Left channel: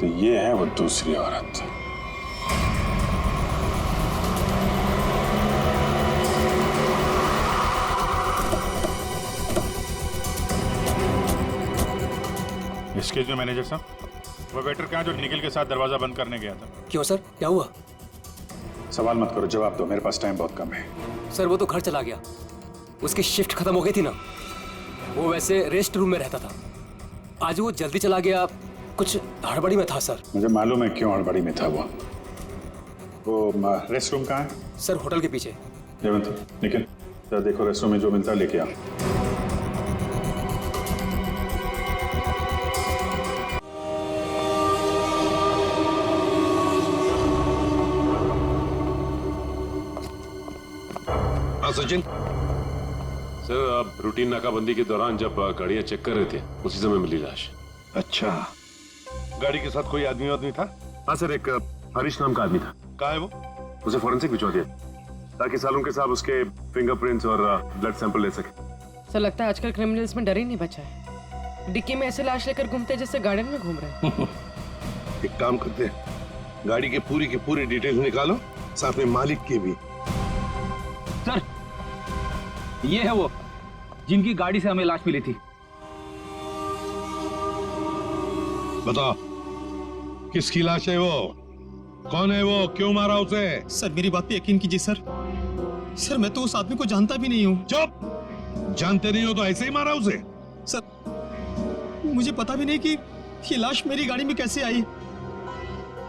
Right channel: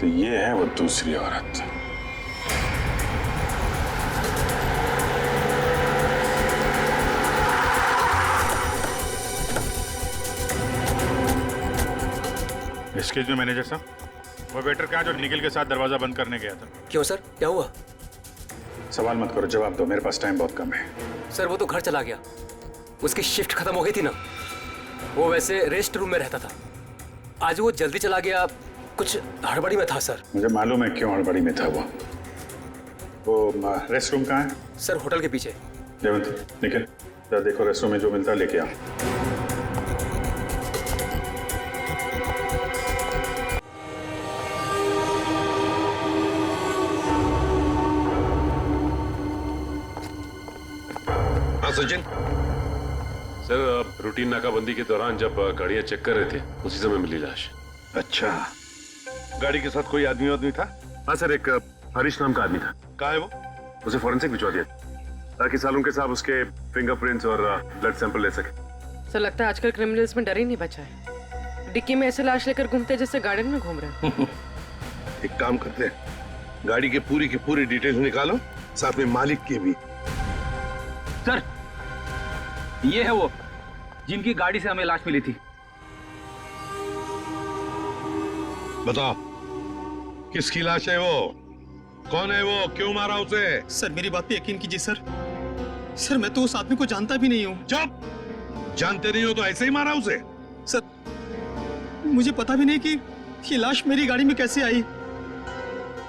तो ये है वो दूसरी औरत। एक्सक्यूज मी मैनेजर साहब, वो वेटर कहाँ जो निखिल के साथ दरवाजा बंद करने गया था? क्यों सर, क्या हुआ? सवाल मत करो, जवाब दो, मेरे पास टाइम बहुत कम है। सर वो तो घर चला गया, उसकी शिफ्ट खत्म हो गई थी ना। वो वैसे रेस्ट रूम में रहता था, आज वो जल्दी चला गया, कुछ हड़बड़ी में था सर। मुझे मालूम है क्यों हड़बड़ी में था वो रेस्ट रूम कहाँ है? सर होटल के पीछे। जयवंती, निखिल, जरा देखो रेस्ट रूम में जो मिलता है लेके आओ। सचिन सर, रूटीन नाकाबंदी के दौरान जब गाड़ियां चेक कर रहे थे उसी समय मिली लाश। अच्छा, गाड़ी के साथ कोई आदमी था? हाँ सर, एक हरीश नाम का आदमी था। कहाँ है वो? उसे फॉरेंसिक भिजवा दिया ताकि सालों के साहब उसके फिंगरप्रिंट्स और ब्लड सैंपल ले सके। सर लगता है आजकल क्रिमिनल्स में डर ही नहीं बचा है। डिक्की में ऐसे लाश लेकर घूमते हैं जैसे गार्डन में घूम रहे हैं। एक काम करते हैं, गाड़ी की पूरी डिटेल्स निकालो, साथ में मालिक की भी। सर ये है वो जिनकी गाड़ी से हमें लाश मिली थी। बताओ किसकी लाश है वो? कौन है वो? क्यों मारा उसे? सर मेरी बात पे यकीन कीजिए सर, मैं तो उस आदमी को जानता भी नहीं हूँ। चुप! जानते नहीं हो तो ऐसे ही मारा उसे? सर मुझे पता भी नहीं कि ये लाश मेरी गाड़ी में कैसे आई।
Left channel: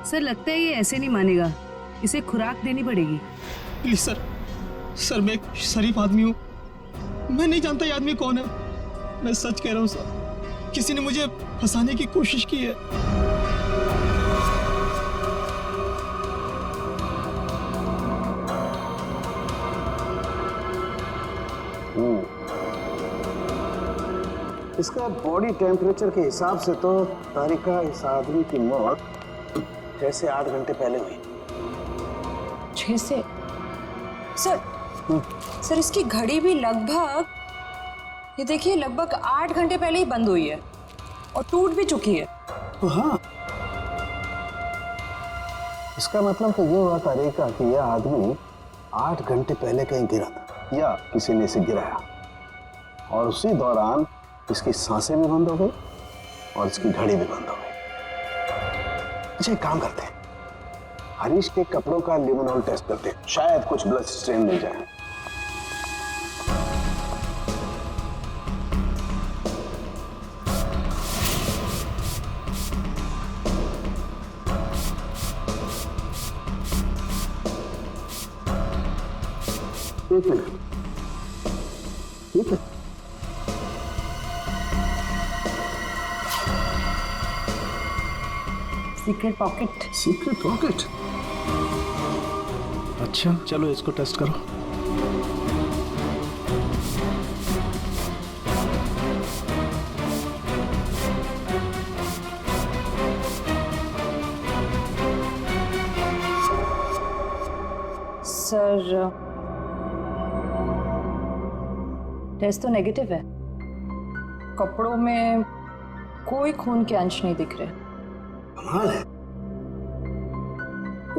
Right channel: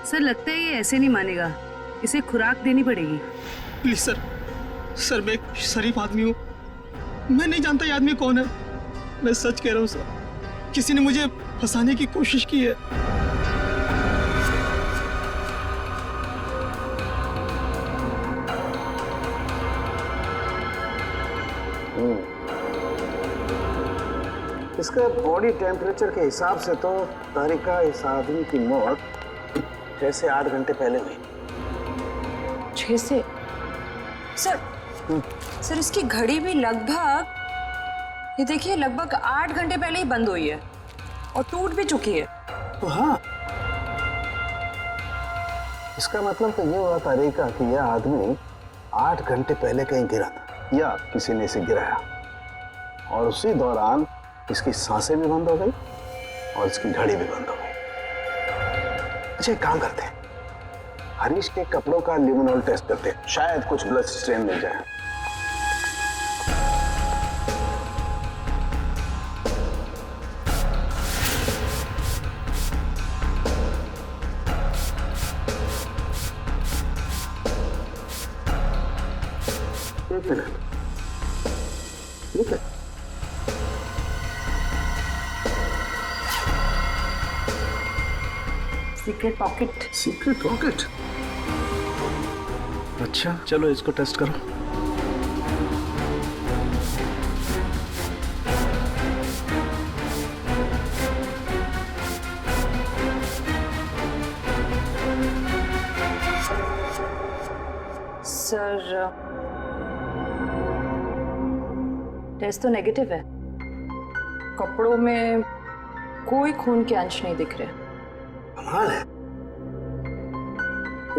सर लगता है ये ऐसे नहीं मानेगा, इसे खुराक देनी पड़ेगी। प्लीज सर मैं एक शरीफ आदमी हूँ, मैं नहीं जानता ये आदमी कौन है। मैं सच कह रहा हूँ सर, किसी ने मुझे फंसाने की कोशिश की है। इसका बॉडी टेम्परेचर के हिसाब से तो तारिका इस आदमी की मौत 6 से 8 घंटे पहले हुई। 6 से? सर इसकी घड़ी भी लगभग, ये देखिए, लगभग 8 घंटे पहले ही बंद हुई है और टूट भी चुकी है। तो हाँ, इसका मतलब तो ये हुआ तारिका कि यह आदमी 8 घंटे पहले कहीं गिरा था या किसी ने इसे गिराया और उसी दौरान इसकी सांसें भी बंद हो गई और इसकी घड़ी भी बंद हो गई। अच्छा एक काम करते हैं, हरीश के कपड़ों का लिमोनॉल टेस्ट करते हैं, शायद कुछ ब्लड स्ट्रेन मिल जाए। एक मिनट, ठीक है। Secret pocket. Secret pocket? अच्छा चलो इसको टेस्ट करो। सर टेस्ट तो नेगेटिव है, कपड़ों में कोई खून के अंश नहीं दिख रहे। कमाल है,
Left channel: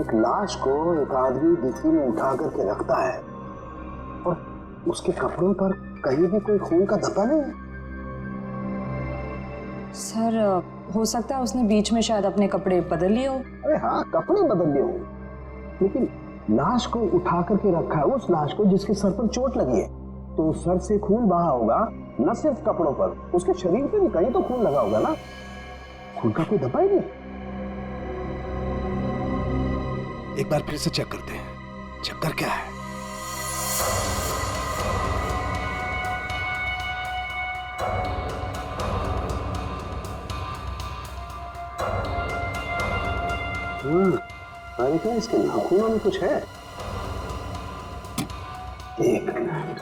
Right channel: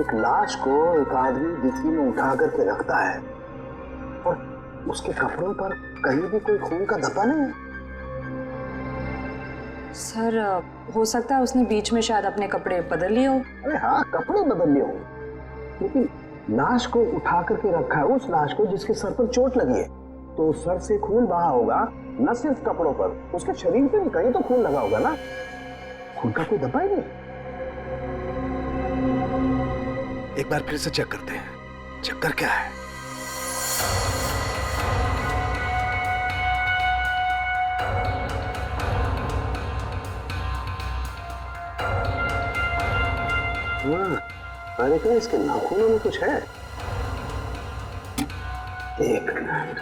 एक लाश को एक आदमी डिक्की में उठा करके रखता है और उसके कपड़ों पर कहीं भी कोई खून का धब्बा नहीं है। सर हो सकता है उसने बीच में शायद अपने कपड़े बदल लिए हो। अरे हाँ, कपड़े बदल लिए होंगे, लेकिन लाश को उठा करके रखा है उस लाश को जिसके सर पर चोट लगी है, तो सर से खून बहा होगा, न सिर्फ कपड़ों पर, उसके शरीर पे भी कहीं तो खून लगा होगा ना। खून का कोई धब्बा ही नहीं। एक बार फिर से चेक करते हैं, चक्कर क्या है। अरे क्या इसके नाखूनों में कुछ है? एक मिनट,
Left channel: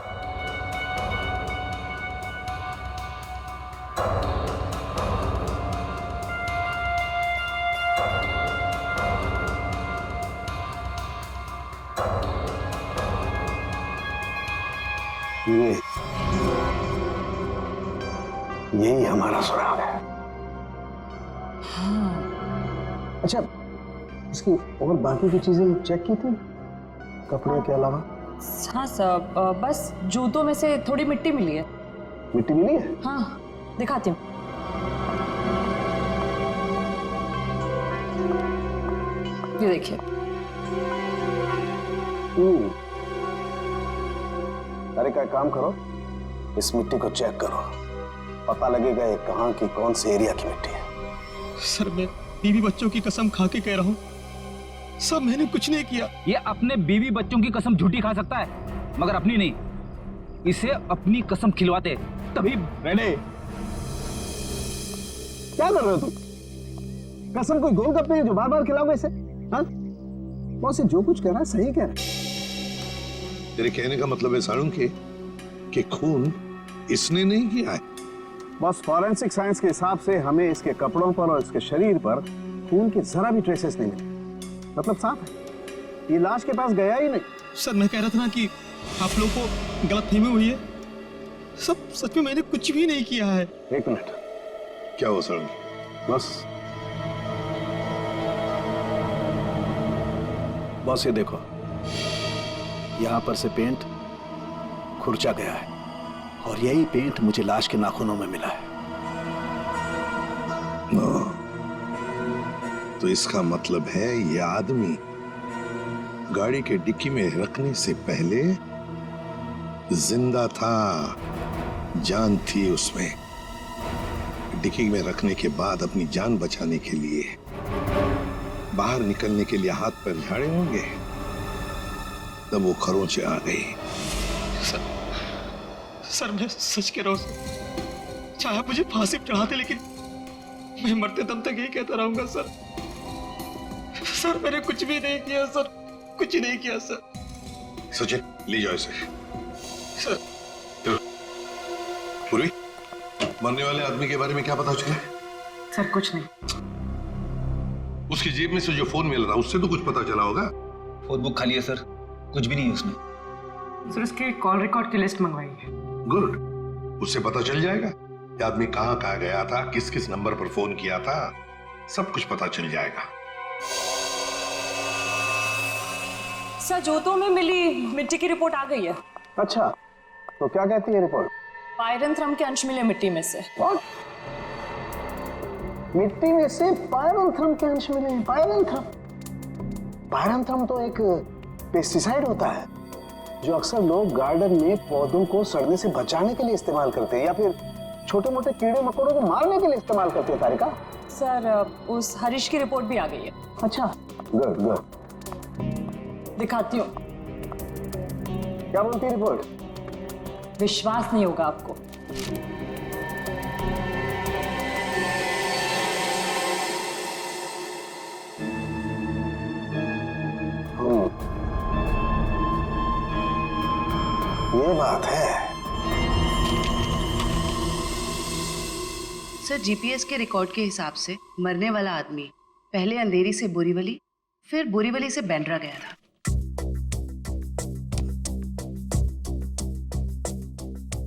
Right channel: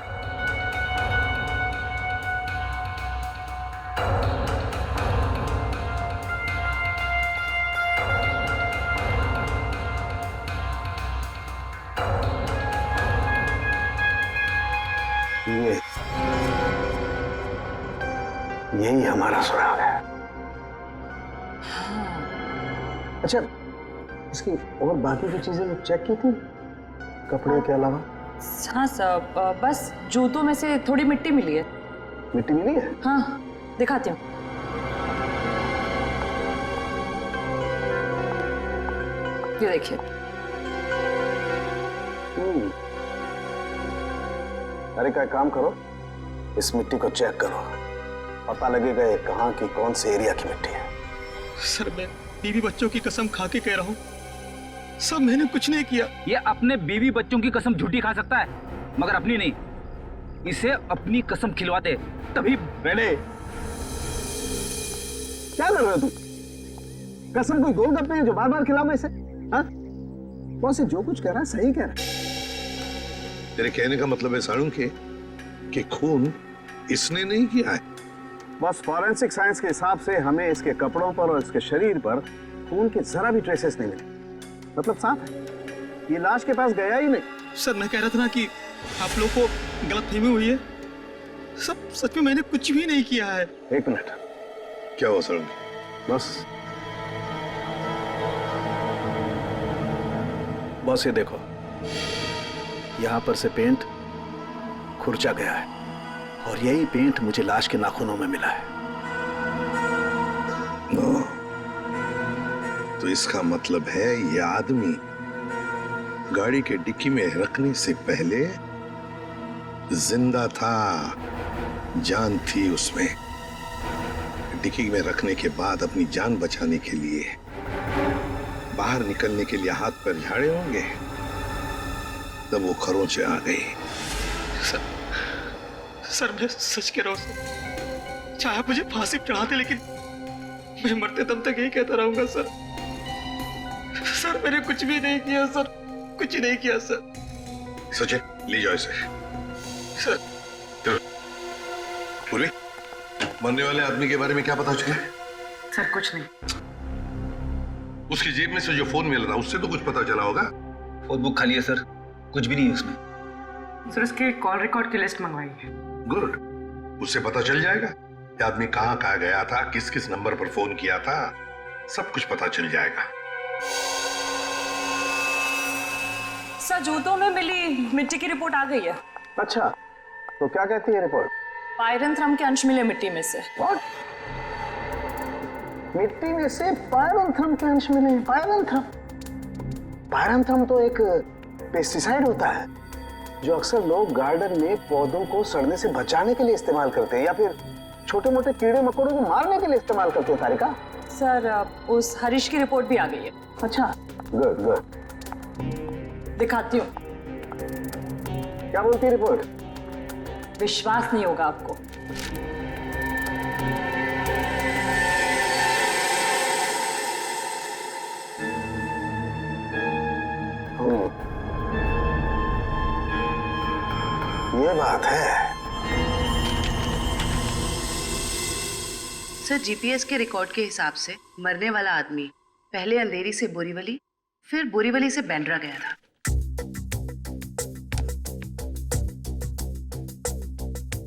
यही हमारा सुराग है। हाँ अच्छा, इसकी और बाकी की चीजें चेक की थी कपड़े के अलावा? हाँ सर, बस जूतों में से थोड़ी मिट्टी मिली है। मिट्टी मिली है? हाँ, दिखाती हूँ। ये देखिए। अरे का काम करो, इस मिट्टी को चेक करो, पता लगेगा ये कहाँ की कौन से एरिया की मिट्टी है। सर मैं बीवी बच्चों की कसम खा के कह रहा हूँ, सब मैंने कुछ नहीं किया। ये अपने बीवी बच्चों की कसम झूठी खा सकता है, मगर अपनी नहीं। इसे अपनी कसम खिलवाते तभी। रेने, क्या कर रहे हो तुम? कसम कोई गोलगप्पे है जो बार बार खिलाओगे इसे? हाँ? बॉस जो कुछ कह रहा है सही कह रहा है। तेरे कहने का मतलब है साळुंखे कि खून इसने नहीं किया है? बॉस फॉरेंसिक साइंस के हिसाब से हमें इसके कपड़ों पर और इसके शरीर पर खून के जरा भी ट्रेसेस नहीं मिले। मतलब साफ है, ये लाश के पास गया ही नहीं। सर मैं कह रहा था ना कि आप लोग को गलतफहमी हुई है। सब सच में मैंने कुछ भी नहीं किया है। एक मिनट, क्या हो साळुंखे? बॉस ये देखो, यहां पर से पेंट खुरचा गया है और यही पेंट मुझे लाश के नाखूनों में मिला है। तो इसका मतलब है ये आदमी गाड़ी के डिक्की में रखने से पहले जिंदा था, जान थी उसमें। डिक्की में रखने के बाद अपनी जान बचाने के लिए बाहर निकलने के लिए हाथ पर झाड़े होंगे, तब वो खरोंचे आ गई। सर मैं सच कह रहा हूँ सर, चाहे आप मुझे फांसी पर चढ़ाते लेकिन मैं मरते दम तक यही कहता रहूंगा सर। सर मैंने कुछ भी नहीं किया सर, कुछ नहीं किया सर। सचिन ले जाओ इसे। सर पूर्वी, मरने वाले आदमी के बारे में क्या पता चला? सर कुछ नहीं। उसकी जेब में से जो फोन मिल रहा उससे तो कुछ पता चला होगा? फोन बुक खाली है सर, कुछ भी नहीं है उसमें। सर उसके कॉल रिकॉर्ड की लिस्ट मंगवाई है। गुड, उससे पता चल जाएगा कि आदमी कहां कहां गया था, किस किस नंबर पर फोन किया था, सब कुछ पता चल जाएगा। सर जूतों में मिली मिट्टी की रिपोर्ट आ गई है। अच्छा, तो क्या कहती है रिपोर्ट? पायरंथ्रम के अंश मिले मिट्टी में से। What? मिट्टी में से पायरंथ्रम के अंश मिले हैं। पायरंथ्रम? पायरंथ्रम तो एक पेस्टिसाइड होता है जो अक्सर लोग गार्डन में पौधों को सड़ने से बचाने के लिए इस्तेमाल करते हैं या फिर छोटे मोटे कीड़े मकोड़ों को मारने के लिए इस्तेमाल करते हैं। तारिका, सर उस हरीश की रिपोर्ट भी आ गई है। अच्छा, गुड गुड। दिखाती हूँ। क्या बोलती है रिपोर्ट? विश्वास नहीं होगा आपको। ये बात है। सर जीपीएस के रिकॉर्ड के हिसाब से मरने वाला आदमी पहले अंधेरी से बोरीवली, फिर बोरीवली से बांद्रा गया था।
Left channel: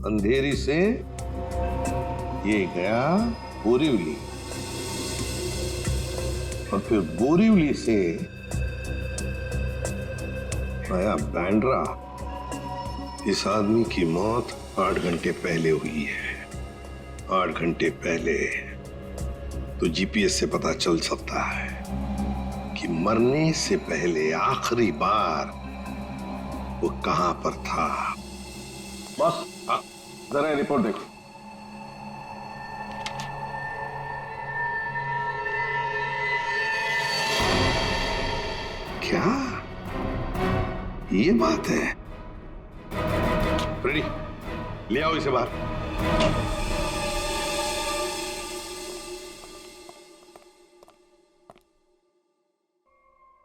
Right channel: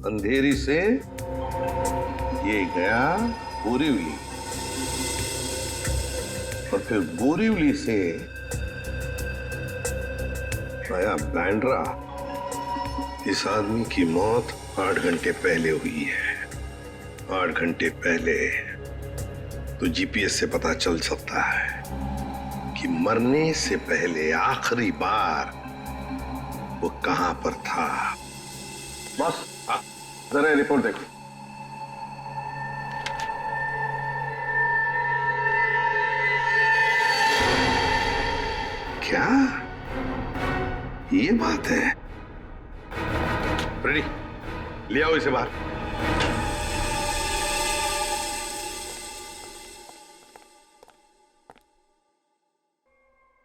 अंधेरी से ये गया बोरीवली और फिर बोरीवली से आया बांद्रा। इस आदमी की मौत 8 घंटे पहले हुई है। 8 घंटे पहले तो जीपीएस से पता चल सकता है कि मरने से पहले आखिरी बार वो कहां पर था। बॉस जरा रिपोर्ट देखो। क्या ये बात है? रेडी, ले आओ इसे बाहर।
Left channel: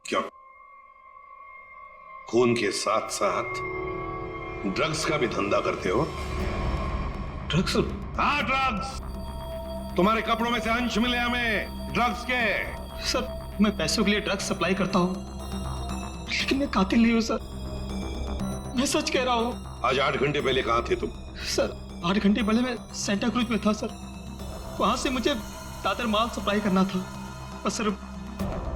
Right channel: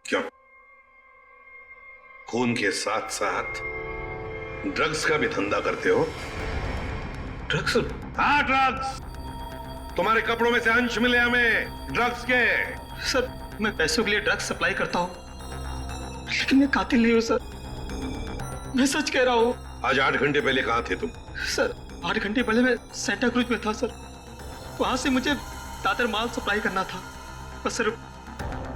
क्यों? खून के साथ साथ ड्रग्स का भी धंधा करते हो? ड्रग्स? हाँ, ड्रग्स। तुम्हारे कपड़ों में से अंश मिले हमें ड्रग्स के। सर मैं पैसों के लिए ड्रग्स सप्लाई करता हूँ, लेकिन मैं कातिल नहीं हूँ सर, मैं सच कह रहा हूँ। आज 8 घंटे पहले कहां थे तुम? सर 8 घंटे पहले मैं सेंटा क्रूज में था सर, वहां से मुझे दादर माल सप्लाई करना था, बस सर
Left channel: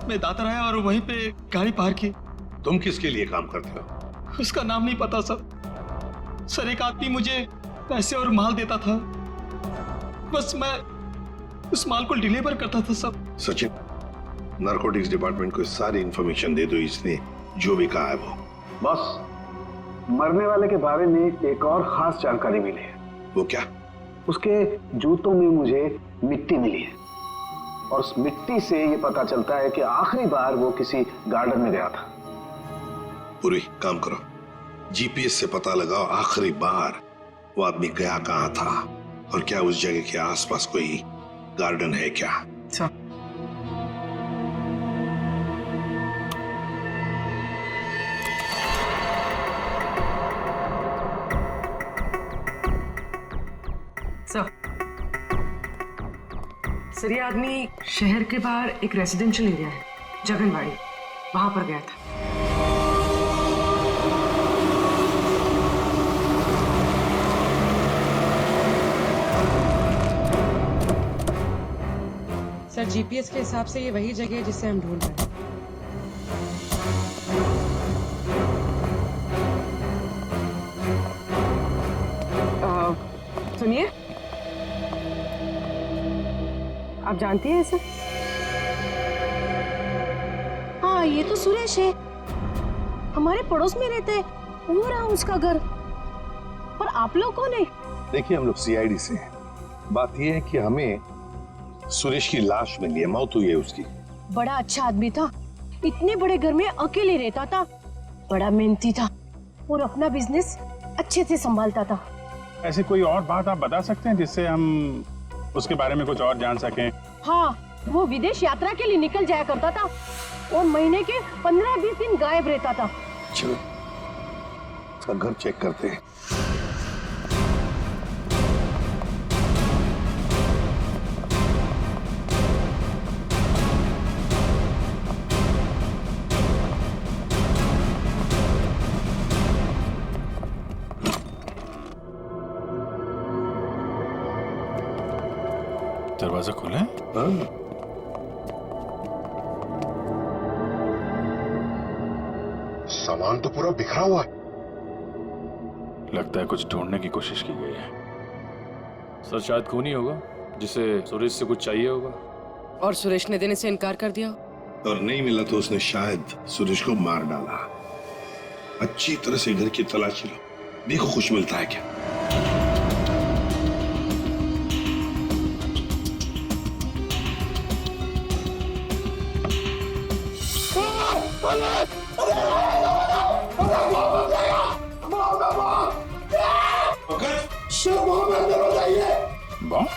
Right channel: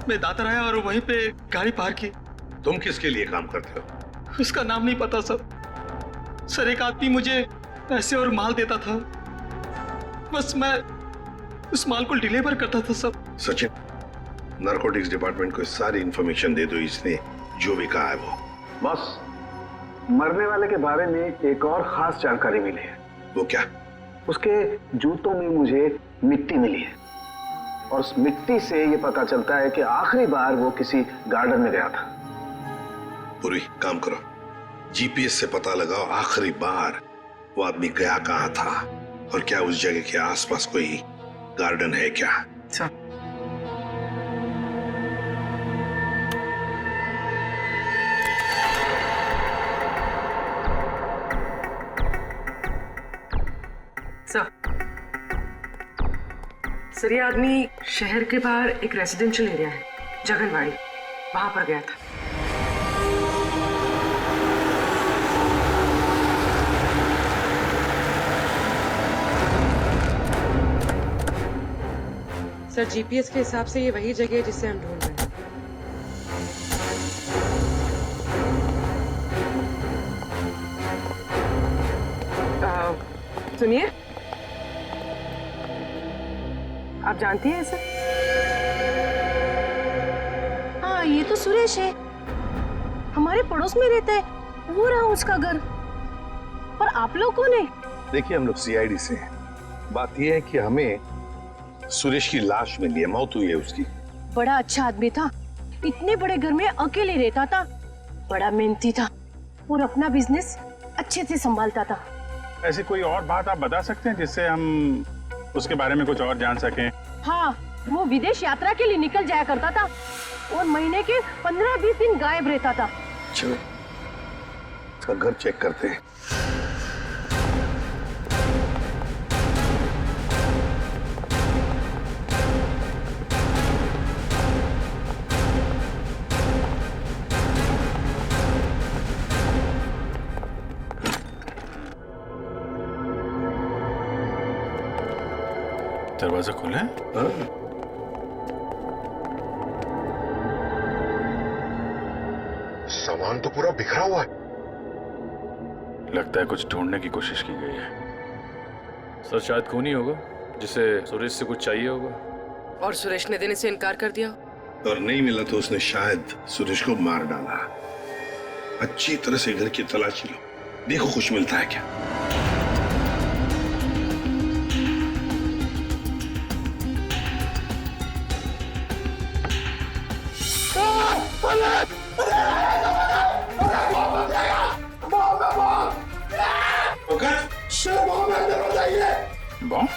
मैं दातर आया और वहीं पे गाड़ी पार की। तुम किसके लिए काम करते हो? उसका नाम नहीं पता सर। सर एक आदमी मुझे पैसे और माल देता था, बस मैं उस माल को डिलीवर करता था सब। सचिन, नारकोटिक्स डिपार्टमेंट को सारी इंफॉर्मेशन दे दो, इसने जो भी कहा है वो। बॉस, मरने वाले के बारे में एक और खास जानकारी मिली है। वो क्या? उसके जूतों में मुझे मिट्टी मिली है और उस मिट्टी से ये पता चलता है कि आखिरी बार वो किसी गार्डन में गया था। पूरी काम करो, जीपीएस से पता लगाओ आखिरी बार वो आदमी गया कहां था और क्या उस जगह के आसपास कोई गार्डन है क्या। सर, ये आदमी शहर के बाहर एक रेजिडेंशियल एरिया है, जगनवाड़ी, वहां पर गया था। सर, जीपीएस के हिसाब से ये वही जगह है जिसे हम ढूंढ रहे हैं। सुनिए, आप जानती हैं इसे? हाँ, ये तो सुरेश है, हमारे पड़ोस में रहता है, वो रहा उसका घर। पर आप लोग कौन है? देखिए, हम लोग सीआईडी से हैं। बात यह है कि हमें सुरेश की लाश मिली है, मौत हुई है उसकी। बड़ा अच्छा आदमी था, इतने बड़े घर में अकेले रहता था, बड़ा मेहनती था और अपना बिजनेस अच्छे से संभालता था। ऐसी कोई और बात आप बता सकते हैं जिससे हम उसके बारे में कुछ और जान सकें? हाँ, वो विदेश यात्रा के लिए निकल जाया करता था और महीने के 15-20 दिन गायब रहता था। चलो, उसका घर चेक करते हैं। दरवाजा खुला है? सामान तो पूरा बिखरा हुआ है। लगता है कुछ ढूंढने की कोशिश की गई है। सर, शायद खून ही होगा जिसे सुरेश से कुछ चाहिए होगा। और सुरेश ने देने से इनकार कर दिया। और नहीं मिला तो उसने शायद सुरेश को मार डाला। अच्छी तरह से घर की तलाशी लो, देखो कुछ मिलता है क्या। बॉम्ब?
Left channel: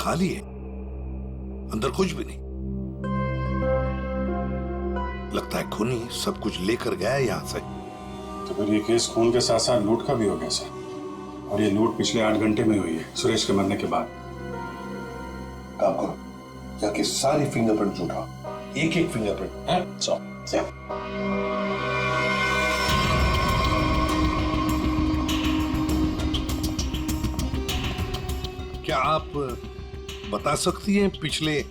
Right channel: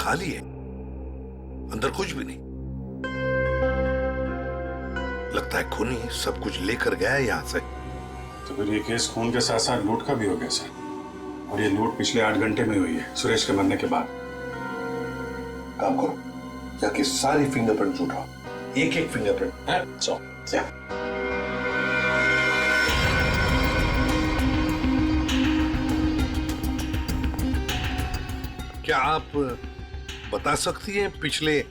खाली है, अंदर कुछ भी नहीं। लगता है खूनी सब कुछ लेकर गया है यहां से। तो फिर ये केस खून के साथ साथ लूट का भी हो गया सर, और ये लूट पिछले 8 घंटे में हुई है, सुरेश के मरने के बाद। काम करो, जाके सारी फिंगरप्रिंट उठाओ, एक फिंगरप्रिंट है। क्या आप बता सकती हैं पिछले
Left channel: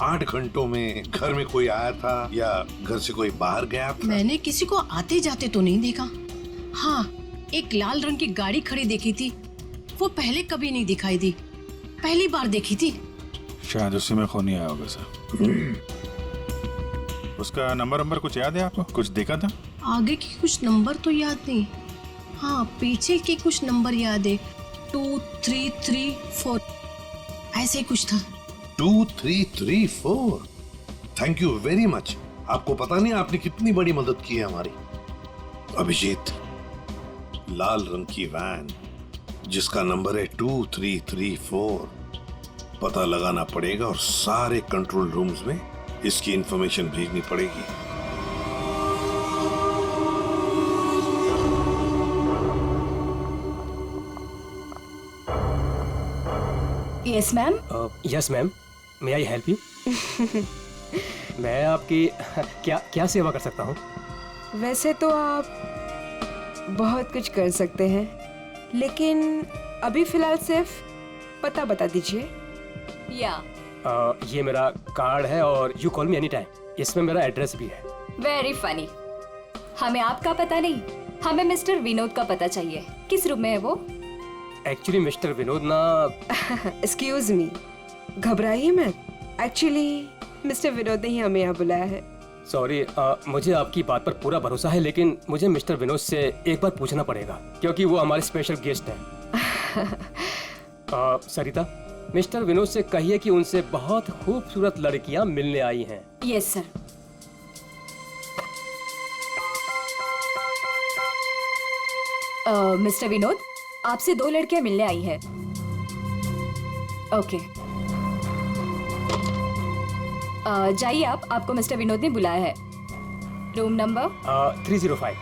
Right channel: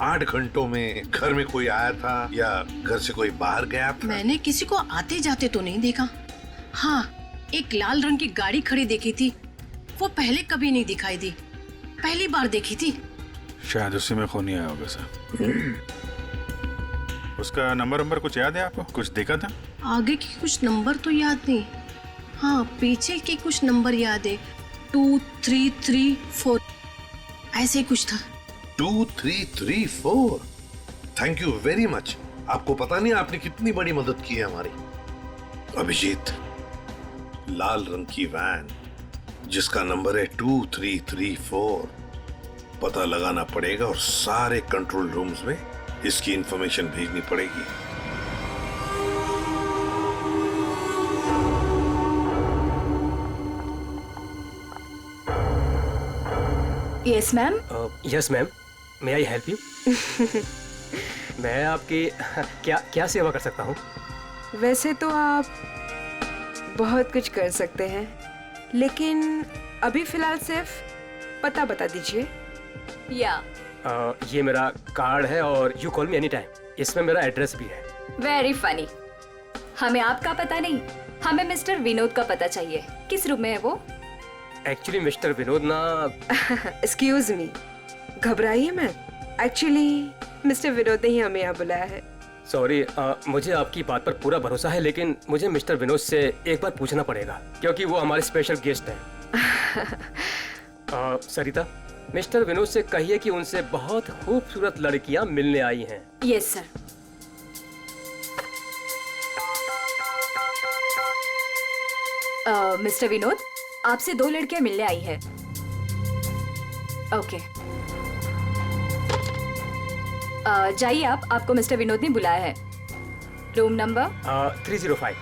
8 घंटों में घर में कोई आया था या घर से कोई बाहर गया था? मैंने किसी को आते जाते तो नहीं देखा। हाँ, एक लाल रंग की गाड़ी खड़ी देखी थी, वो पहले कभी नहीं दिखाई दी, पहली बार देखी थी। शायद उसी में खूनी आया होगा सर। उसका नंबर कुछ याद है आपको? कुछ देखा था? आगे की कुछ नंबर तो याद नहीं, हाँ पीछे के कुछ नंबर याद है, 2334 ऐसे कुछ था। 2334। Thank you very much. आपको पता नहीं आपने कितनी बड़ी मदद की है हमारी। अभिजीत, लाल रंग की वैन जिसका नंबर है 2334, पता लगाना पड़ेगा और सारे कंट्रोल रूम्स में इसकी इंफॉर्मेशन भेजनी पड़ेगी। Yes ma'am. Yes ma'am, may I help you? मैं आपकी क्या सेवा कर सकता हूँ? वैसे तो आप बहुत कुछ कर सकते हैं, लेकिन अभी फिलहाल सिर्फ पता बता दीजिए। या ये मेरा कार्ड है और you call me any time. इसमें मेरा एड्रेस भी है। Very funny. हमें आपका पता नहीं, हमें मिस्टर विनोद का पता चाहिए। किस रूम में है वो? एक्चुअली मिस्टर विनोद ना एक्सक्यूज मी, घबराइए मत। एक्चुअली मिस्टर विनोद ने ही हमें यहाँ बुलाया है। सॉरी, मुझे आपकी बात पर पूरा भरोसा है, लेकिन मुझे मिस्टर विनोद से एक बार पूछना पड़ेगा क्योंकि वो हमारे स्पेशल गेस्ट हैं। सरिता, मिस्टर विनोद से कहिए कि उनसे बहुत खूबसूरत लड़कियां मिलने आई हैं। Yes sir. मिस्टर विनोद, आपसे 2 लड़कियां मिलने आई है। ओके, जाइए आप, आपको मिस्टर विनोद ने बुलाया है। Room number 305।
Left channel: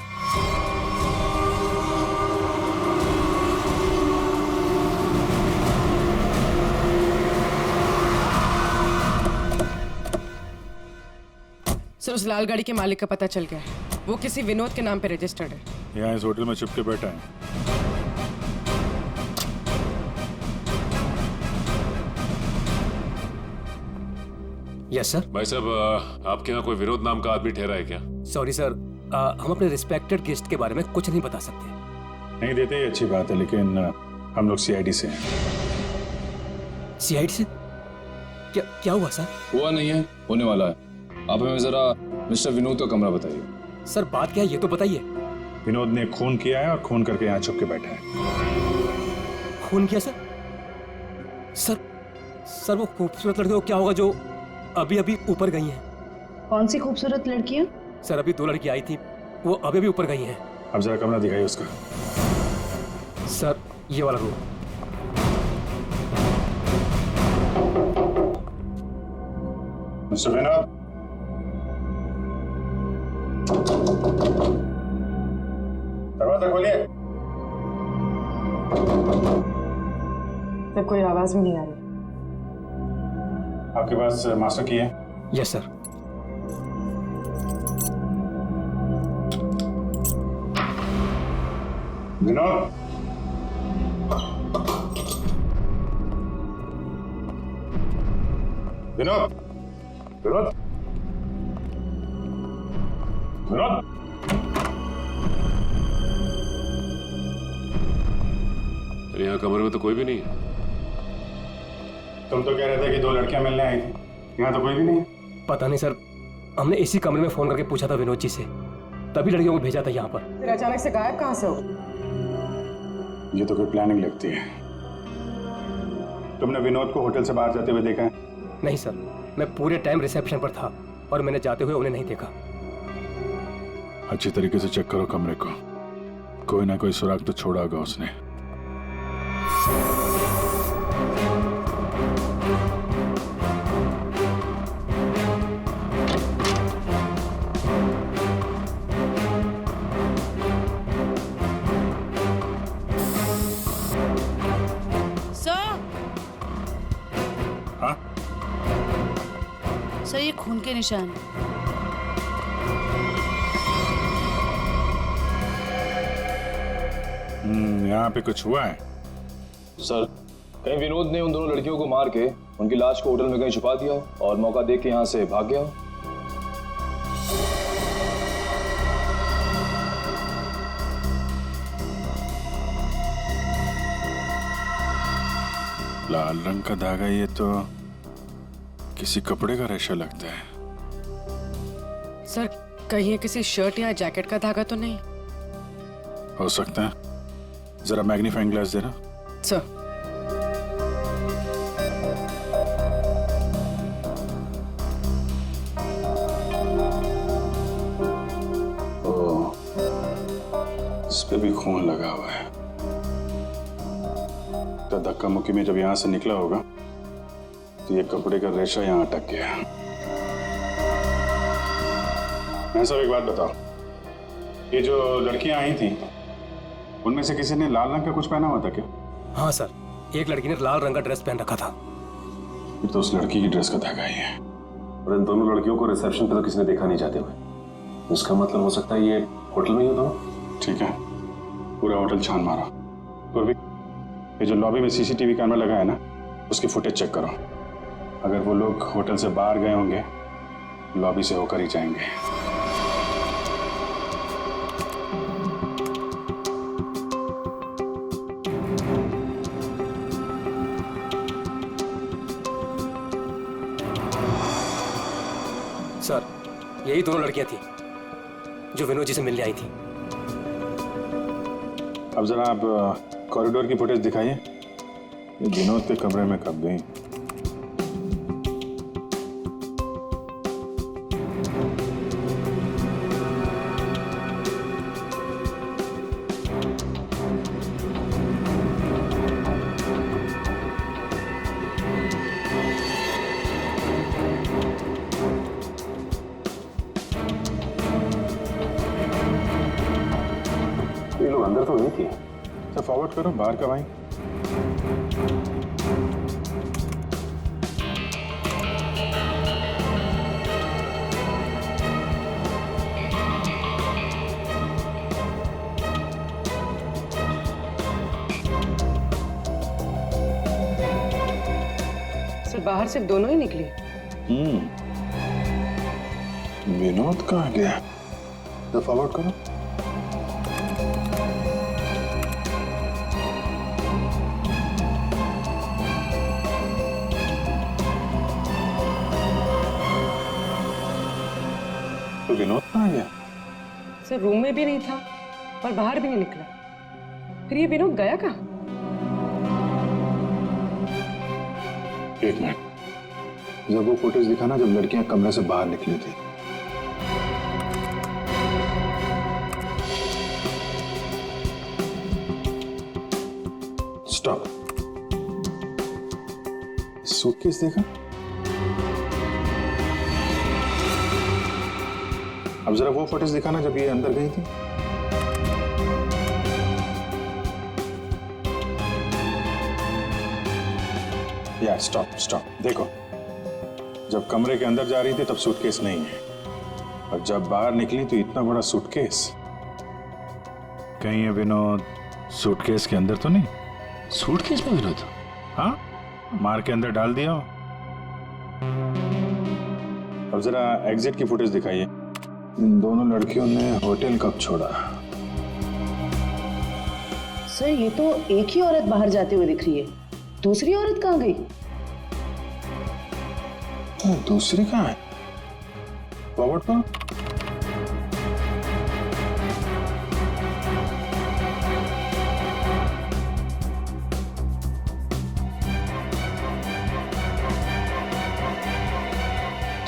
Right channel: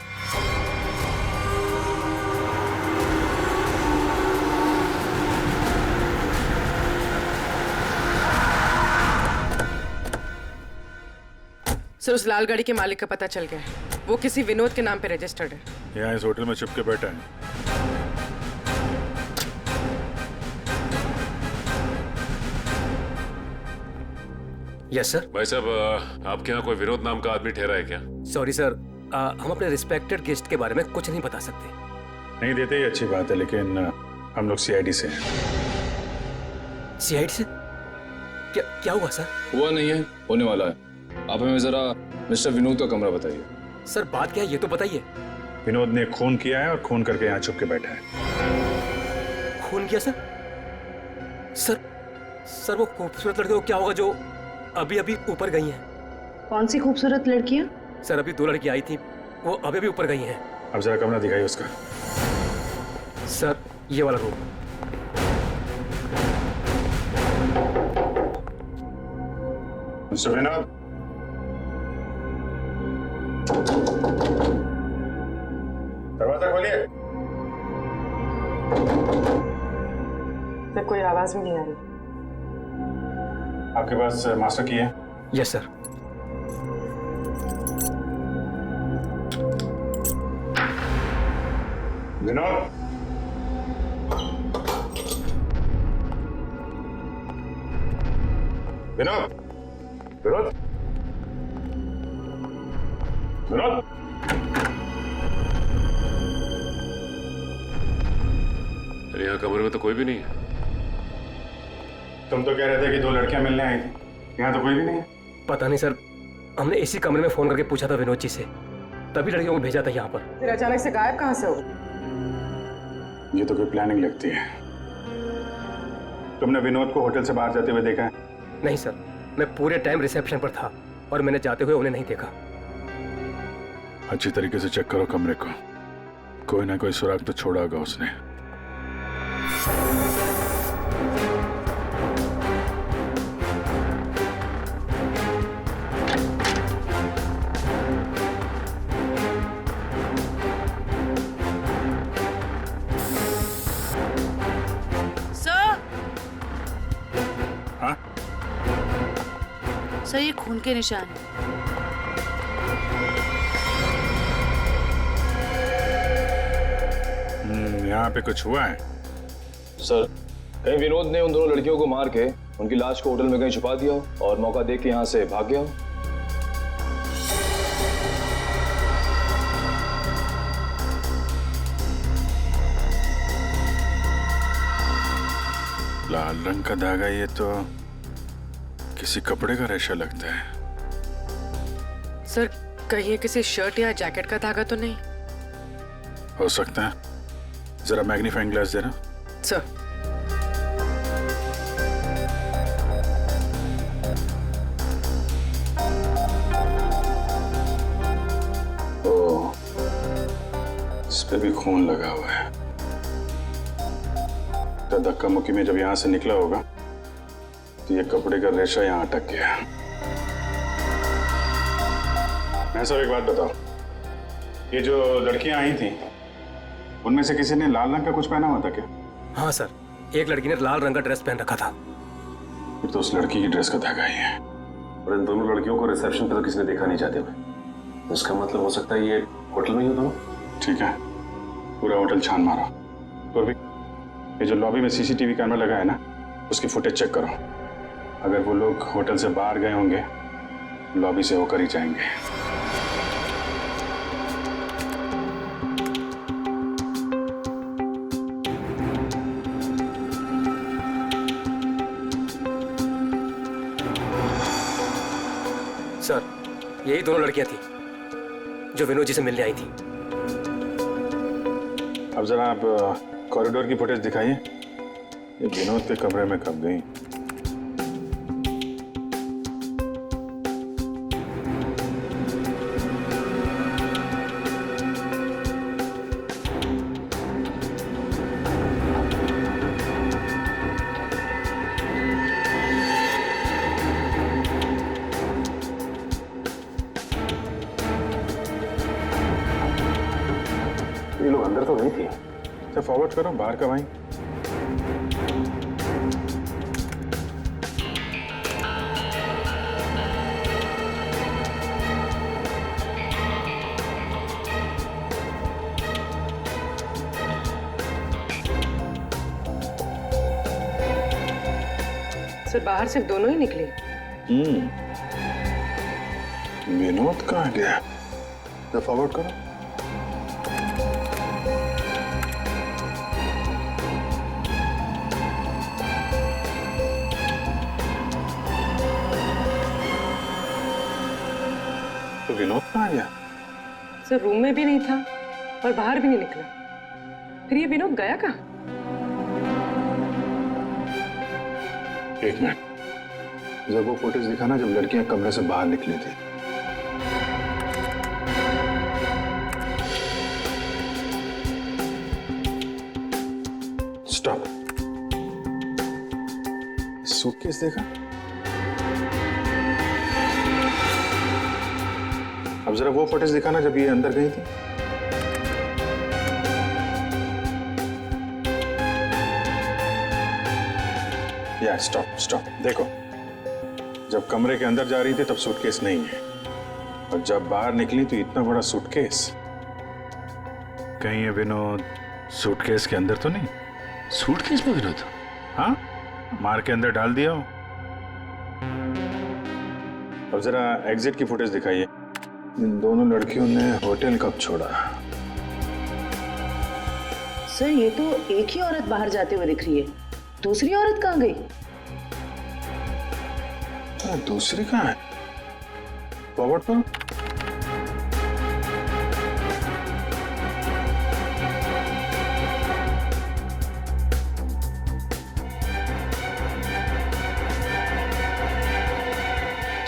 सर, उस लाल गाड़ी के मालिक का पता चल गया है। वो किसी विनोद के नाम पे रजिस्टर्ड है। यहाँ इस होटल में छुप के बैठा है। Yes sir. भाई साहब, आपके यहाँ कोई विनोद नाम का आदमी ठहरा है क्या? सॉरी सर, हम अपने रिस्पेक्टेड गेस्ट के बारे में कुछ नहीं बता सकते। नहीं देते, ये अच्छी बात है, लेकिन हम लोग सीआईडी से हैं। सीआईडी से? क्या क्या हुआ सर? हुआ नहीं है, होने वाला है। आप हमें जरा मिस्टर विनोद का कमरा बताइए। सर बात क्या है ये तो बताइए। विनोद ने खून किया है और खून करके यहाँ छुप के बैठा है। खून किया सर? सर वो खूबसूरत लड़की को क्या होगा जो अभी अभी ऊपर गई हैं? कौन सी खूबसूरत लड़कियां? सर अभी 2 लड़की आई थी, वो अभी अभी ऊपर गई हैं। अब जरा कमरा दिखाइए उसका। सर ये वाला रूम। मिस्टर विनोद, दरवाजा खोलिए। सर कोई आवाज भी नहीं आ रही। आपके पास मास्टर की है? Yes sir. विनोद, विनोद, विनोद, विनोद। अरे यहाँ कमरे में तो कोई भी नहीं है। तुम तो कह रहे थे कि 2 लड़कियां मिलने आई थी, यहाँ तो कोई भी नहीं है। पता नहीं सर, हमने इसी कमरे में फोन करके पूछा था विनोद जी से, तभी लड़कियों को भेजा था यहाँ पर। फिर अचानक से गायब कहाँ से हो? ये तो कोई प्लानिंग लगती है। तुमने विनोद को होटल से बाहर जाते हुए देखा है? नहीं सर, मैं पूरे टाइम रिसेप्शन पर था और मैंने जाते हुए उन्हें नहीं देखा। अच्छी तरीके से चेक करो कमरे को, कोई ना कोई सुराग तो छोड़ा होगा उसने। सर ये खून के निशान है। यहाँ पे कुछ हुआ है? सर, कहीं विनोद ने उन दोनों लड़कियों को मार के उनकी लाश को होटल में कहीं छुपा दिया हो और मौका देख के यहाँ से भाग गया हो। लाल रंग का धागा, ये तो किसी कपड़े का रेशा लगता है। सर कहीं ये किसी शर्ट या जैकेट का धागा तो नहीं? हो सकता है, जरा मैग्नीफाइंग ग्लास देना। सर ओ, इस पे भी खून लगा हुआ है। तो धक्का मुक्की में जब यहाँ से निकला होगा तो ये कपड़े का रेशा यहाँ अटक गया। मैं सब एक बात बताओ, ये जो लड़कियां आई थी उनमें से किसी ने लाल रंग का कुछ पहना हुआ था क्या? हाँ सर, एक लड़की ने लाल रंग का ड्रेस पहन रखा था। फिर तो उस लड़की की ड्रेस का धागा ही है। और इन दोनों लड़कियों को रिसेप्शन पे तो किसी ने देखा नहीं जाते हुए। इसका मतलब हो सकता है ये होटल में ही होता हो। ठीक है, पूरा होटल छान मारो, पूर्वी, ये जो लॉबी में सीसीटीवी कैमरा लगा है ना, उसकी फुटेज चेक करो। अगर वो लोग होटल से बाहर गए होंगे, लॉबी से होकर ही जाएंगे। सर, यही दोनों लड़कियां थी जो विनोद जी से मिलने आई थी। अब जरा आप कॉरिडोर की फुटेज दिखाइए। ये विनोद के कमरे में कब गई? ये लोग अंदर तो नहीं थी। अच्छा, फॉरवर्ड करो, बाहर कब आई? सर, बाहर सिर्फ दोनों ही निकले। विनोद कहाँ गया? तो फॉरवर्ड करो। तो विनोद कहाँ गया? सर, रूम में भी नहीं था और बाहर भी नहीं निकला। फिर ये विनोद गया कहाँ? एक मिनट, जब वो फुटेज दिखा ना, जब लड़कियां कमरे से बाहर निकली थी। स्टॉप। सूटकेस देखा? अब जरा वो फुटेज दिखाना जब ये अंदर गई थी। या स्टॉप स्टॉप, देखो, जब कमरे के अंदर जा रही थी तब सूटकेस नहीं है, और जब बाहर निकली तो इतना बड़ा सूटकेस। कहीं ये विनोद सूटकेस के अंदर तो नहीं? सूटकेस में विनोद? हाँ, मार के अंदर डाल दिया हो। अब जरा एग्जिट की फुटेज दिखाइए। इन दोनों लड़कियों ने होटल कब छोड़ा? सर, ये तो एक ही औरत बाहर जाते हुए दिख रही है। दूसरी औरत कहाँ गई? दूसरी कहाँ है? फॉरवर्ड करो।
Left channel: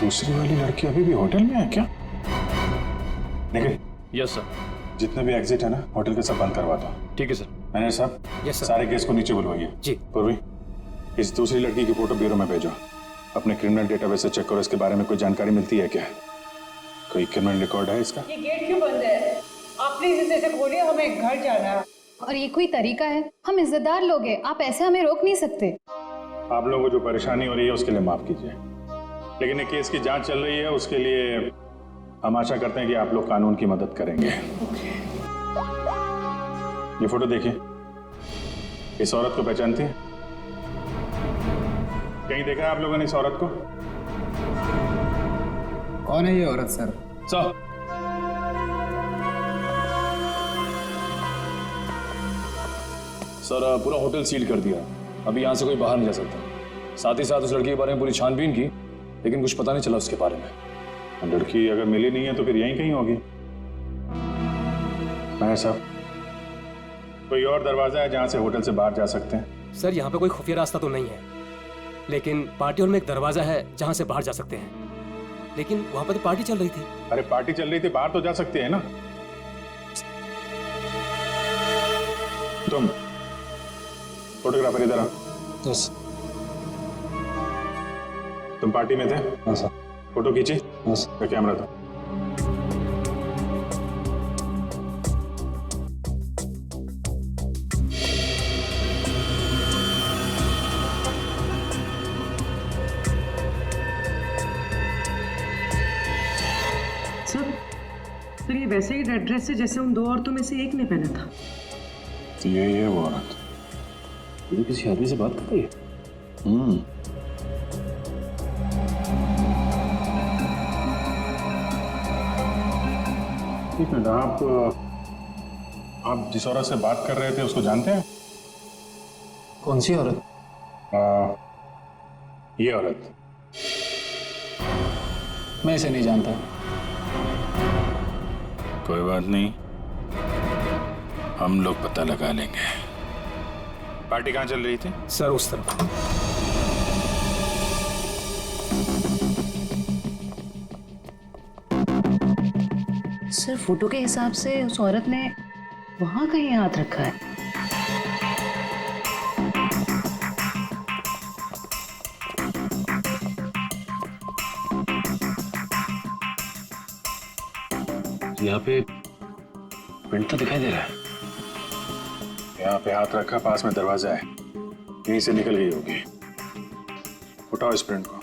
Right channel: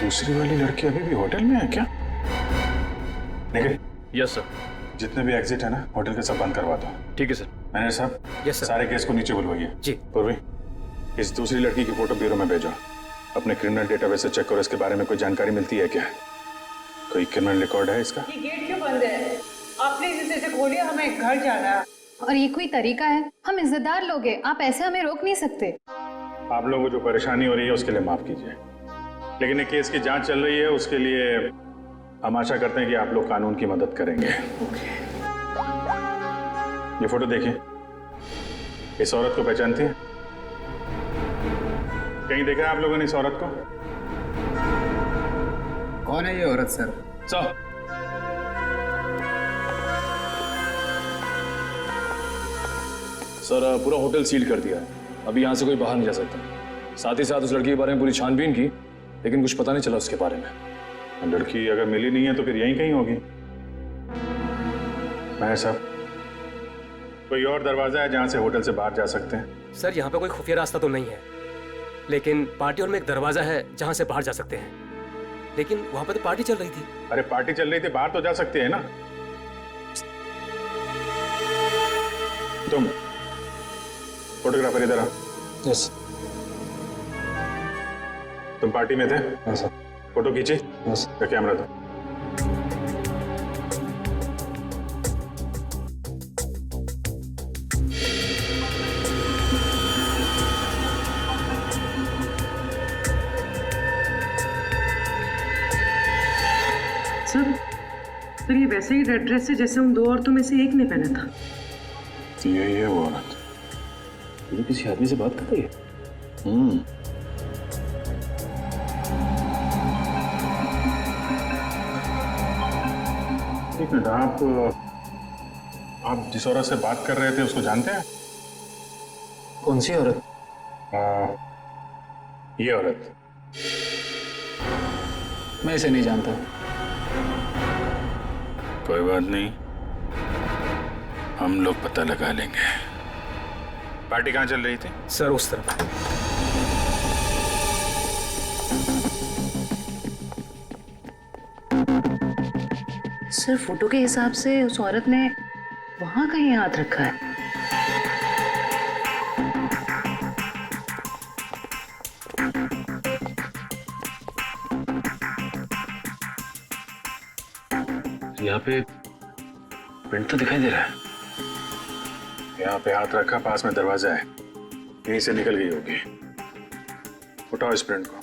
दूसरी वाली लड़की अभी भी होटल में है क्या? निखिल। Yes sir. जितने भी एग्जिट है ना, होटल के सब बंद करवा दो। ठीक है सर। मैनेजर साहब, यस सर। सारे केस को नीचे बुलवाइए। जी। पूर्वी, इस दूसरी लड़की की फोटो ब्यूरो में भेजो। अपने क्रिमिनल डेटाबेस से चेक करो, इसके बारे में कोई जानकारी मिलती है क्या? कोई क्रिमिनल रिकॉर्ड है इसका? ये गेट क्यों बंद है? आप प्लीज इसे खोलिए, हमें घर जाना है। और ये कोई तरीका है? हम इज्जतदार लोग हैं, आप ऐसे हमें रोक नहीं सकते। आप लोगों को जो परेशानी हो रही है उसके लिए माफ कीजिए, लेकिन ये केस की जांच चल रही है, उसके लिए हम आशा करते हैं कि आप लोग कानून की मदद करेंगे। ये फोटो देखिए, इस औरत को पहचानती है? कहीं देखा है आप लोगों ने इस औरत को? कौन है ये औरत सर? सर, पूरा होटल सील कर दिया है, अभी यहाँ से कोई बाहर नहीं जा सकता। साथ ही साथ उस लड़की के बारे में पूरी छानबीन की, लेकिन कुछ पता नहीं चला उसके बारे में। लड़की अगर मिली नहीं है तो फिर यहीं कहीं होगी। मैं साहब, कोई और दरवाजा है जहां से होटल से बाहर जा सकते हैं? सर, यहाँ पे कोई खुफिया रास्ता तो नहीं है, लेकिन पार्टी हॉल में एक दरवाजा है जहां से बाहर जा सकते हैं। लेकिन वहां पे तो पार्टी चल रही थी। अरे पार्टी चल रही थी, बाहर तो जा सकते हैं ना। तुम फोटोग्राफर इधर आओ। यस। तुम पार्टी में थे? हाँ सर। फोटो खींची? यस। कैमरा दो। सर, ये वैसे ही रेड ड्रेस है जैसे उन दो औरतों में से एक ने पहना था। यही है वो औरत। ये किसी आदमी से बात कर रही है? एक मिनट, आप जिस औरत से बात कर रहे थे उसको जानते हैं? कौन सी औरत? ये औरत। मैं इसे नहीं जानता। कोई बात नहीं, हम लोग पता लगा लेंगे। पार्टी कहाँ चल रही थी? सर उस तरफ। सर फोटो के हिसाब से उस औरत ने वहां कहीं हाथ रखा है। यहाँ पे प्रिंट तो दिखाई दे रहा है। यहाँ पे हाथ रखा, पास में दरवाजा है, यहीं से निकल गई होगी। उठाओ इस प्रिंट को।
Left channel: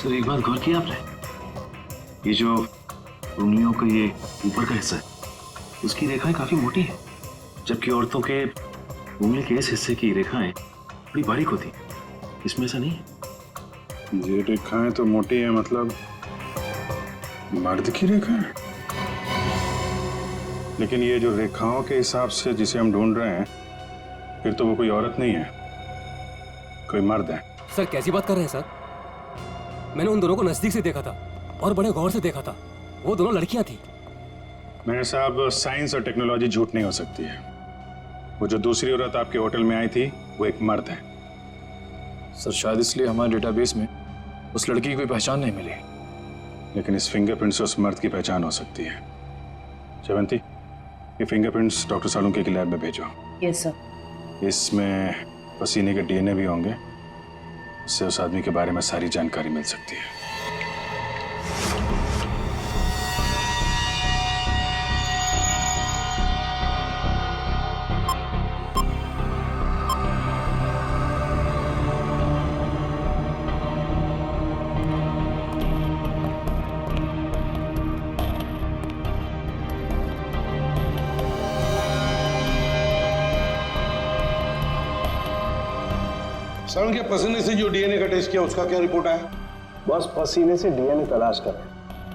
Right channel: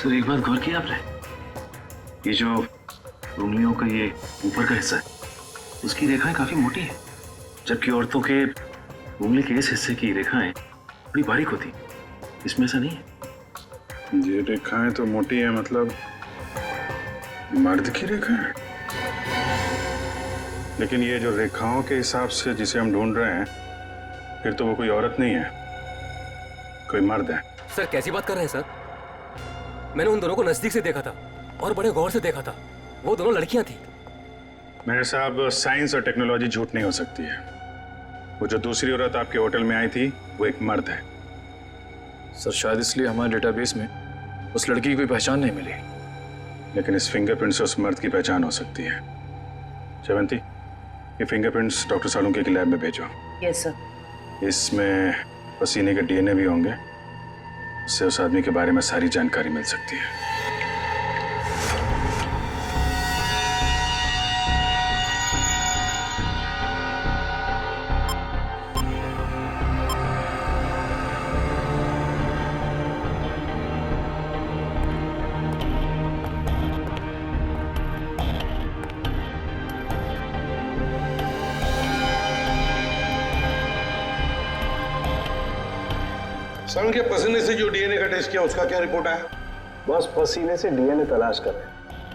सर एक बात गौर किया आपने, ये जो उंगलियों का ये ऊपर का हिस्सा है उसकी रेखाएं काफी मोटी है, जबकि औरतों के उंगली के इस हिस्से की रेखाएं बड़ी बारीक होती। इसमें ऐसा नहीं है। ये रेखाएं तो मोटी है, मतलब मर्द की रेखाएं। लेकिन ये जो रेखाओं के हिसाब से जिसे हम ढूंढ रहे हैं, फिर तो वो कोई औरत नहीं है, कोई मर्द है। सर कैसी बात कर रहे हैं सर? मैंने उन दोनों को नजदीक से देखा था और बड़े गौर से देखा था। वो दोनों लड़कियां थी। मेरे साहब, साइंस और टेक्नोलॉजी झूठ नहीं हो सकती है। वो जो दूसरी औरत आपके होटल में आई थी वो एक मर्द है। सर शायद इसलिए हमारे डेटाबेस में उस लड़की की कोई पहचान नहीं मिली। लेकिन इस फिंगरप्रिंट से उस मर्द की पहचान हो सकती है। जयवंती, ये फिंगरप्रिंट्स डॉक्टर सालुंके की लैब में भेजो। Yes sir. इसमें पसीने के डीएनए भी होंगे, उससे उस आदमी के बारे में सारी जानकारी मिल सकती है। सर के पसीने से जो डीएनए का टेस्ट किया उसका क्या रिपोर्ट आया? बस पसीने से डीएनए तलाश कर रहे हैं,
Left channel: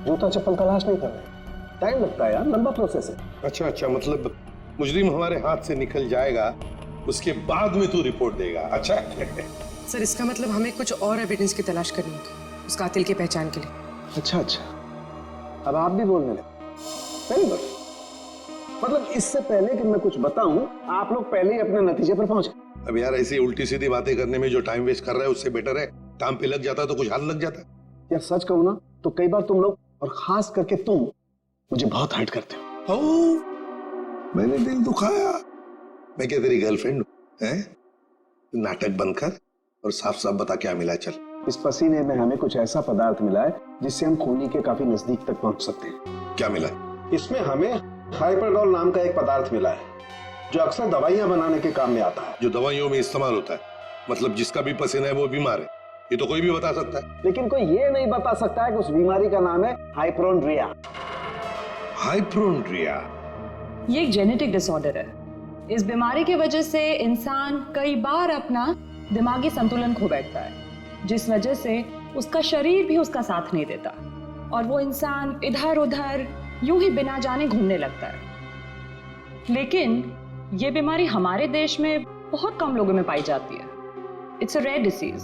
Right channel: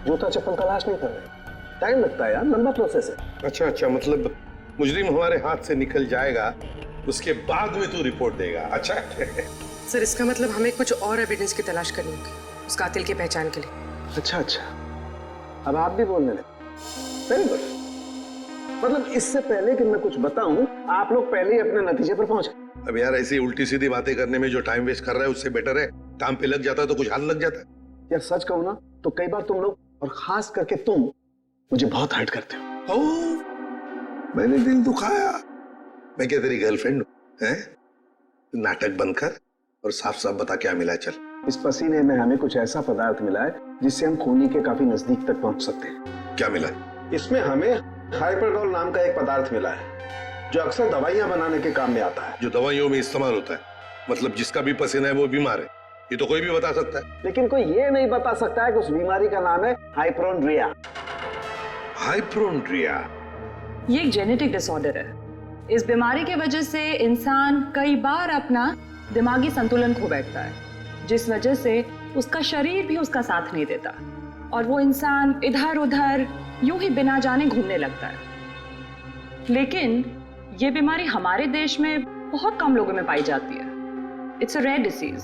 जूता चप्पल तलाश नहीं कर रहे। टाइम लगता है यार, लंबा प्रोसेस है। अच्छा अच्छा, मतलब मुजरिम हमारे हाथ से निकल जाएगा, उसके बाद में तू रिपोर्ट देगा। अच्छा सर इसका मतलब हमें कुछ और एविडेंस की तलाश करनी होगी उस कातिल की पहचान के लिए। अच्छा अच्छा, अब आप भी बोलने लगे। Very good. मतलब इससे पहले कि मैं कुछ बताऊं, आप लोग पहले ही अपने नतीजे पर पहुंच गए। अब यार ऐसी उल्टी सीधी बातें करने में जो टाइम वेस्ट कर रहा है उससे बेटर है काम पे लग जाता तो कुछ हाल लग जाता। यार सच कहूं ना तो कई बार तुम लोग, और खास करके तुम, मुझे बहुत हर्ट करते हो। मैंने दिल दुखाया? मैं क्या तेरी गर्लफ्रेंड हूं? नाटक बंद कर और साफ साफ बता क्या मिला। चल, इस पसीने में हमें कुछ ऐसा पदार्थ मिला है जिससे हम खूनी के काफी नजदीक तक पहुंच सकते हैं। क्या मिला? इसमें हमें हाइपरडोल नाम का एक पदार्थ मिला है जो अक्सर दवाइयां बनाने के काम में आता है। जो दवाइयों में इस्तेमाल होता है, मतलब जिसका भी पसीना है वो बीमार है, ये तो कोई भी बता सकता है। लेकिन कोई ये नहीं बता सकता है कि उस बीमारी का नाम है हाइपोड्रिया। हाइपोड्रिया ये एक जेनेटिक डिसऑर्डर है। इस बीमारी की वजह से इंसान कई बार अपना दिमागी संतुलन खो बैठता है, जिस वजह से उसका शरीर भी उसका साथ नहीं देता और वो इंसान इधर उधर यूं ही बिना जाने घूमने लगता है। लेकिन ये बीमारी हमारे देश में बहुत कम लोगों में पाई जाती है। It's a rare disease.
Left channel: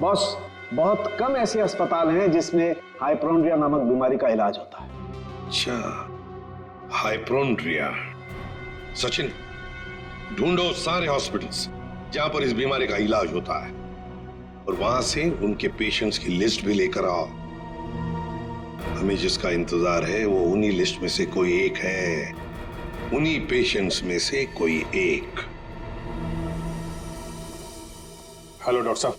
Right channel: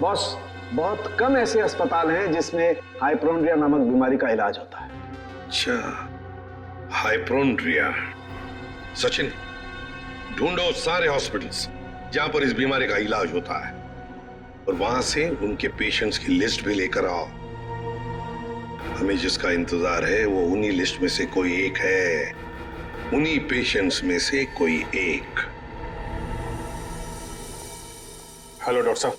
Boss, बहुत कम ऐसे अस्पताल हैं जिसमें हाइपोड्रिया नामक बीमारी का इलाज होता है। अच्छा, हाइपोड्रिया। सचिन, ढूंढो सारे हॉस्पिटल्स जहां पर इस बीमारी का इलाज होता है और वहां से उनके पेशेंट्स की लिस्ट भी लेकर आओ। हमें जिसका इंतजार है वो उन्हीं लिस्ट में से कोई एक है, उन्हीं पेशेंट्स में से कोई एक। हेलो डॉक्टर साहब।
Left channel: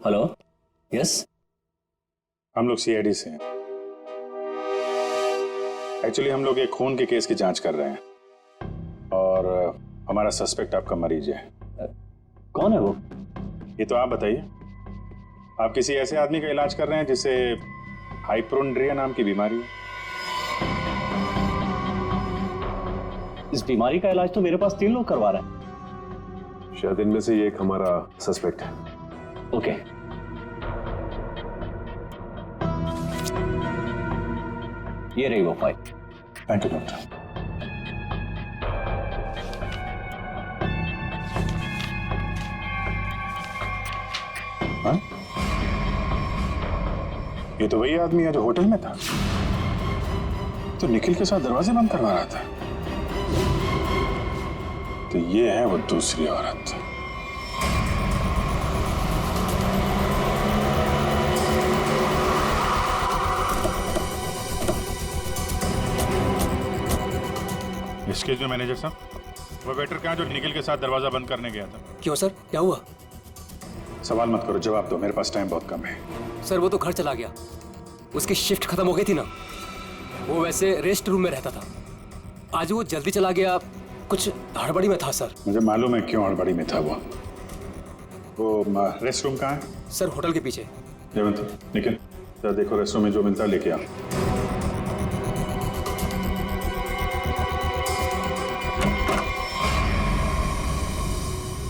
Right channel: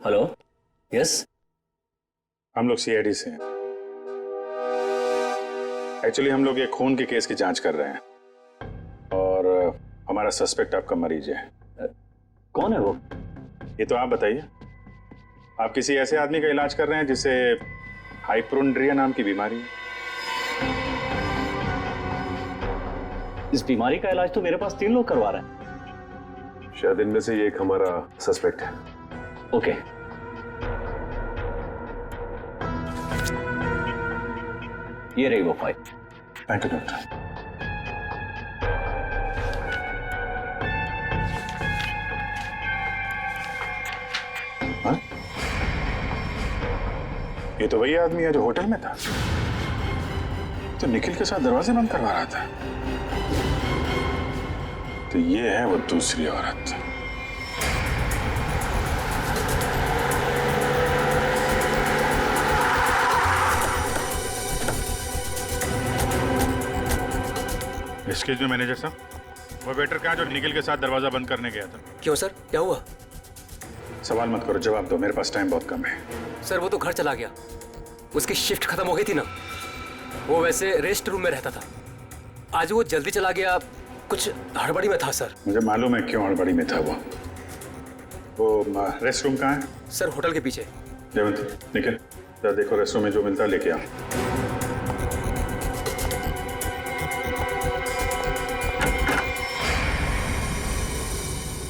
Hello, yes. हम लोग सीआईडी से हैं। एक्चुअली हम लोग एक खून के केस की जांच कर रहे हैं और हमारा सस्पेक्ट आपका मरीज है। कौन है वो? ये तो आप बताइए। आप किसी ऐसे आदमी का इलाज कर रहे हैं जिसे हाइपोड्रिया नाम की बीमारी है? इस बीमारी का इलाज तो मेरे पास 3 लोग करवा रहे हैं। शायद इनमें से ये एक हमारा सस्पेक्ट है। ओके। ये रही वो फाइल। Thank you doctor. हाँ? ये तो वही आदमी है जो होटल में था, तो निखिल के साथ दरवाजे बंद करवा रहा था। तो ये है वो दूसरी औरत। एक्सक्यूज मी मैनेजर साहब, वो वेटर कहाँ जो निखिल के साथ दरवाजा बंद करने गया था? क्यों सर, क्या हुआ? सवाल मत करो, जवाब दो, मेरे पास टाइम बहुत कम है। सर वो तो घर चला गया, उसकी शिफ्ट खत्म हो गई थी ना। वो वैसे रेस्ट रूम में रहता था, आज वो जल्दी चला गया, कुछ हड़बड़ी में था सर। मुझे मालूम है क्यों हड़बड़ी में था वो रेस्ट रूम कहाँ है? सर होटल के पीछे। जयवंती, निखिल, जरा देखो रेस्ट रूम में जो मिलता है लेके आओ।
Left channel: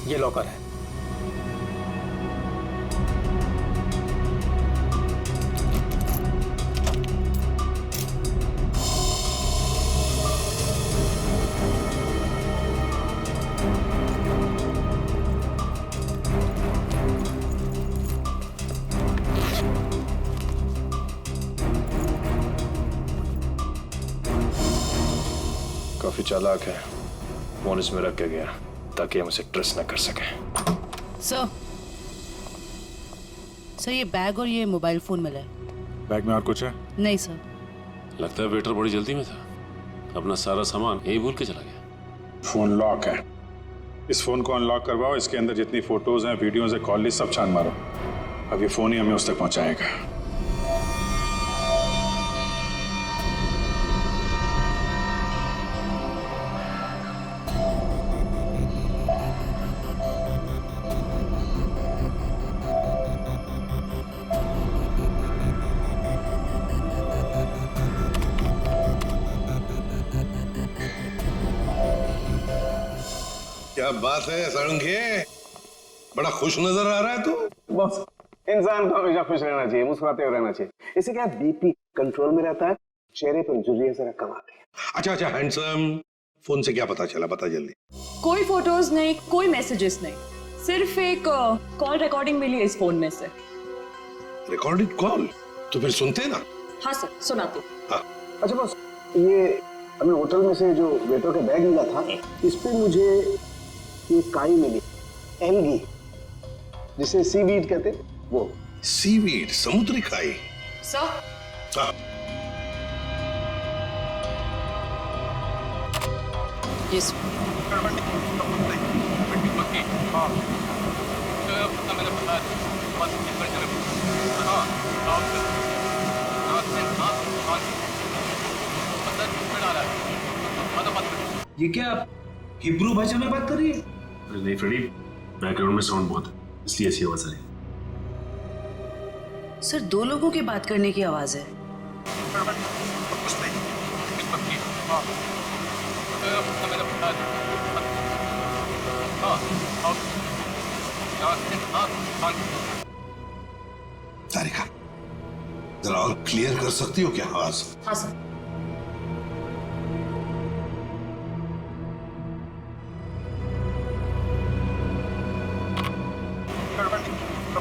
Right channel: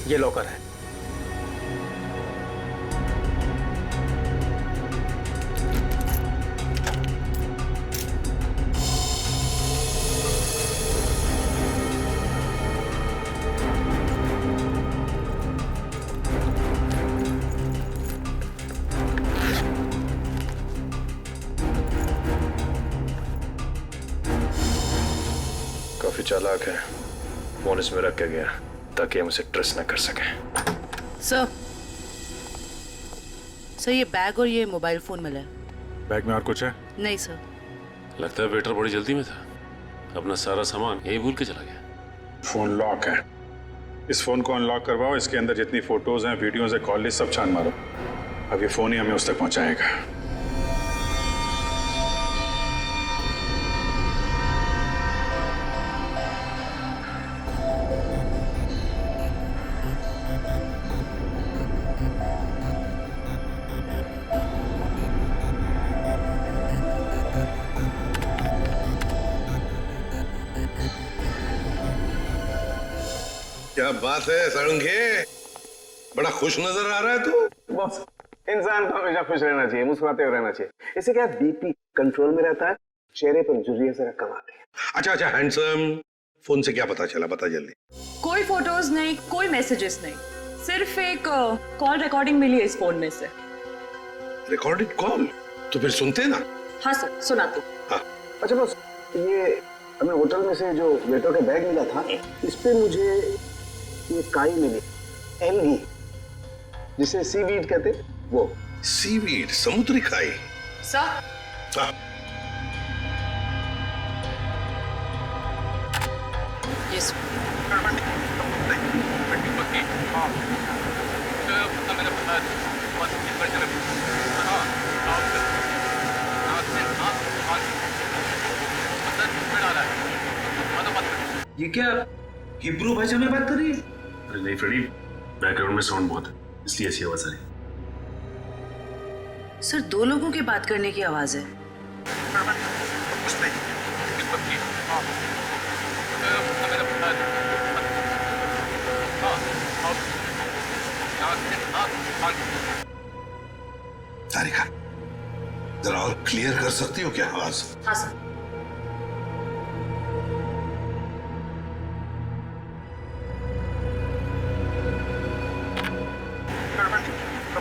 ये लॉकर है। काफी चालाक है। फोन इसमें रख के गया ताकि हम उसे ट्रेस न कर सके। सर ये बैग और ये मोबाइल फोन मिला है। बैग में और कुछ है? नहीं सर। लगता है वेटर बड़ी जल्दी में था, अपना सारा सामान यही भूल के चला गया। फोन लॉक है, इस फोन को अनलॉक करवाओ, इसके अंदर जितनी फोटोज हैं, वीडियोज हैं, कॉल लिस्ट सब छान मारो। अब ये फोन ही हमें उस तक पहुंचाएगा। क्या बात है सारंगे, बड़ा खुश नजर आ रहा है तू। बॉस, इंसान को हमेशा खुश रहना चाहिए, मुस्कुराते हुए रहना चाहिए। इससे क्या बीपी कंट्रोल में रहता है, चेहरे पर झुर्रियां जरा कम आती है। अच्छा, हैंडसम, फोन से क्या पता चला, बता जल्दी। कोई फोटोज नहीं, कोई मैसेजेस नहीं, सिर्फ एक कॉल रिकॉर्डिंग मिली है इस फोन में से। Recorded call? तो फिर सुनते ना। हाँ सर, सुनाती। हाँ। अच्छा बॉस, ये हमें होटल में से जो वेटर का बैग मिला था, इस पे मुझे ये काई मिली, एल्गी, जिसे सीवीड कहते, वो। सीवीड, समुद्री काई? सर। हाँ। यस। ये क्या हिब्रू भाषा में बात कर रही है? अरे नहीं फ्रेडी, बैकग्राउंड में साउंड बहुत है, इसलिए ऐसी आवाज आ रही है। सर 2 लोगों की बात करने की आवाज है। तारिका, जरा और क्लियर कर सकती हो क्या आवाज? हाँ सर।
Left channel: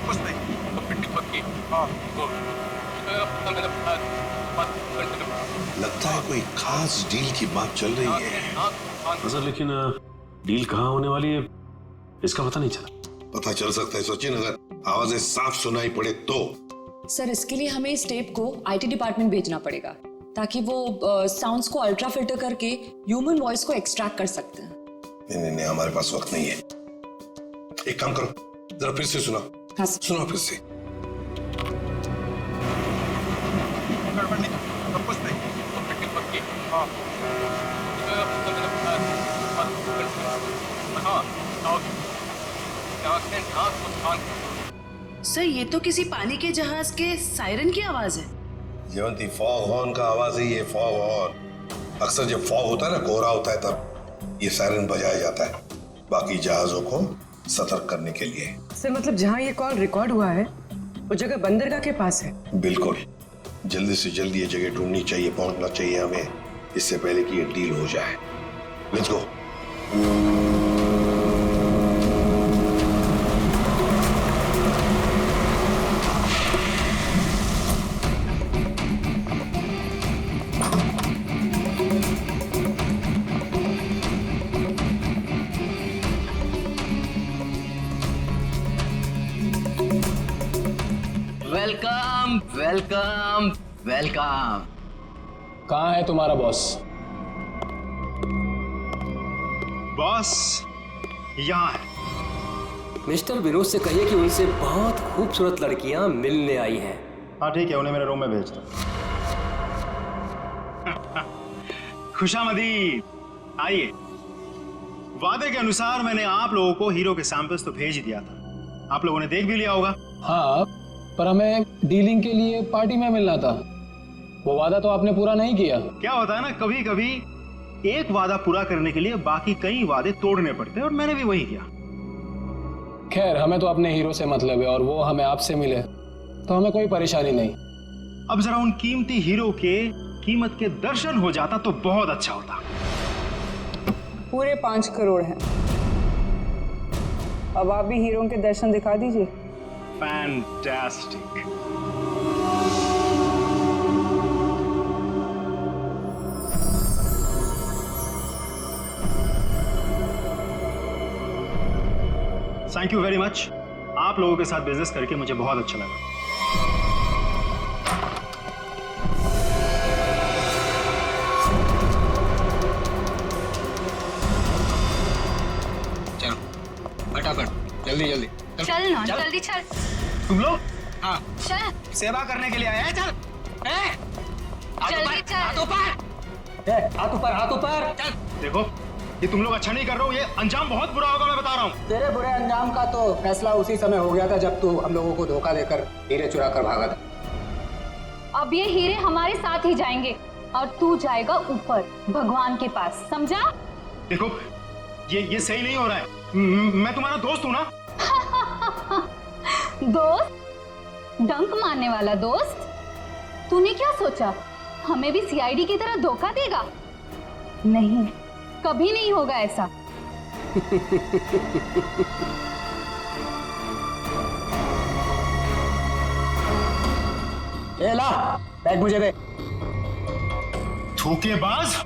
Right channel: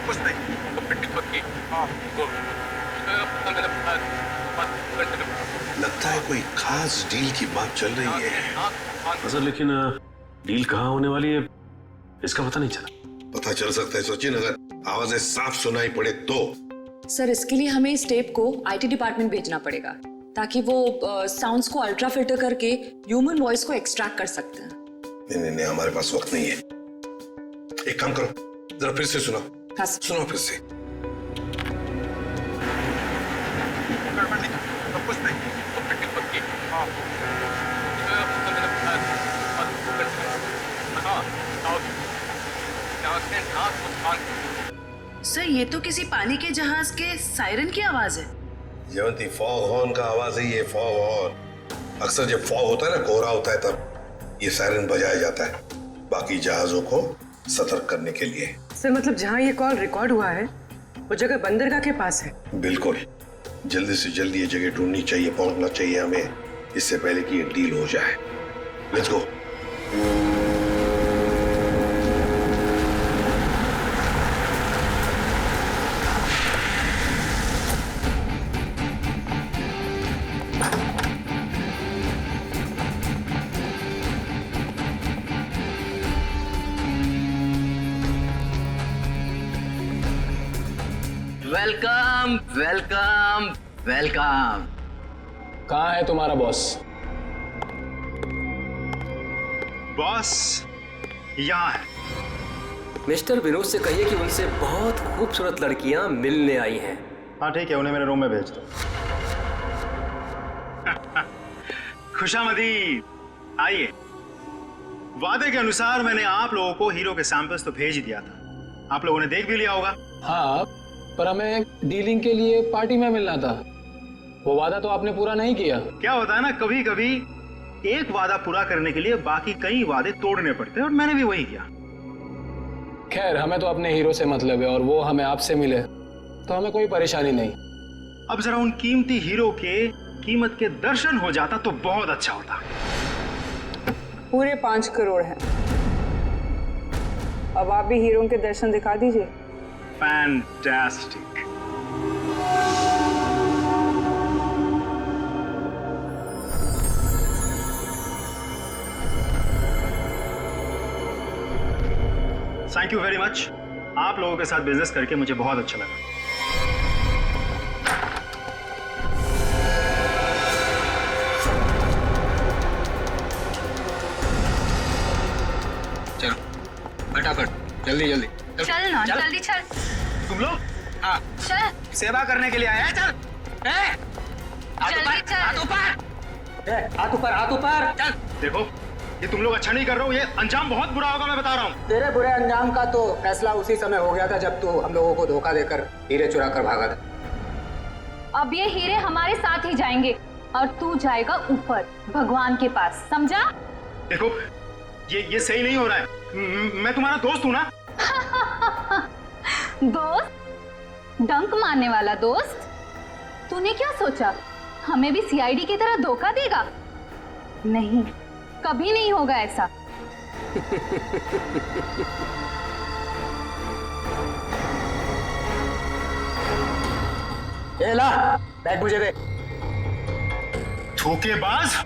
कुछ नहीं, तो पिट्ठी पक्की। हाँ, लगता है कोई खास डील की बात चल रही है। सर लेकिन डील कहाँ होने वाली है इसका पता नहीं चला। पता चल सकता है सचिन, अगर आवाजें साफ सुनाई पड़े तो। सर इसके लिए हमें इस टेप को आईटी डिपार्टमेंट भेजना पड़ेगा ताकि वो साउंड्स को अल्ट्रा फिल्टर करके ह्यूमन वॉइस को एक्सट्रैक्ट कर सकते हैं। नहीं, हमारे पास वक्त नहीं है। एक काम करो, जरा फिर से सुनाओ। हाँ सुनाओ फिर से। सर ये तो किसी पानी के जहाज के सायरन की आवाज है। जयंती, फॉग हॉर्न का आवाज है ये, फॉग हॉर्न। अक्सर जब फॉग होता है ना, कोहरा होता है, तब ये सायरन बजाया जाता है बाकी जहाजों को सतर्क करने के लिए। सर मतलब जहाँ ये कॉल रिकॉर्ड हुआ है वो जगह बंदरगाह के पास है। बिल्कुल, जल्दी से जल्दी ये जगह ढूंढनी चाहिए, पहुंचना चाहिए हमें, इससे पहले कि ये डील हो जाए। Let's go. Welcome welcome welcome. कहाँ है तुम्हारा बॉस? बॉस यहाँ है। मिस्टर विनोद से कहिए कि उनसे बहुत खूबसूरत लड़कियां मिलने आई हैं। हाँ ठीक है, उन्हें मेरे रूम में भेज दो। खुशामदी, आइए। वादे के अनुसार मैंने आप लोगों को हीरो के सैंपल्स तो भेज ही दिया था, आप लोगों ने देख भी लिया होगा। हाँ, पर हमें डीलिंग के लिए पार्टी में मिलना था, वो वादा तो आपने पूरा नहीं किया। क्या होता है ना, कभी कभी एक वादा पूरा करने के लिए बाकी कई वादे तोड़ने पड़ते हैं, और मैंने भी वही किया। खैर, हमें तो अपने हीरो से मतलब है, और वो हमें आपसे मिले तो हमें कोई परेशानी नहीं। अब जरा उन कीमती हीरो के कीमत के दर्शन हो जाता तो बहुत अच्छा होता। पूरे 5 करोड़ हैं। अब आप भी हीरो के दर्शन दिखा दीजिए। Fantastic. Thank you very much. आप लोगों के साथ बिजनेस करके मुझे बहुत अच्छा लगा। चलो फटाफट, जल्दी जल्दी चल ना, जल्दी चल। तुम लोग? हाँ, चल। सेवा करने के लिए आया है। चल जल्दी चल। हाथ ऊपर, हाथ ऊपर। चल। देखो, ये तुम लोग अच्छा नहीं कर रहे हो, ये अंजाम बहुत बुरा होगा, मैं बता रहा हूँ। तेरे बुरे अंजाम का तो फैसला उसी समय हो गया था जब तू हम लोगों को धोखा देकर हीरे चुरा कर भागा था। अब ये हीरे हमारे साथ ही जाएंगे और तू जाएगा ऊपर भगवान के पास, समझा? देखो, ये सही नहीं हो रहा है। मैं तुम्हारा दोस्त हूँ ना। दोस्त? डंक मारने वाला दोस्त? तूने क्या सोचा हमें भी सीआईडी की तरह धोखा देगा? नहीं, कभी नहीं होगा ऐसा। ए ला, बैग मुझे दे। धोखेबाज।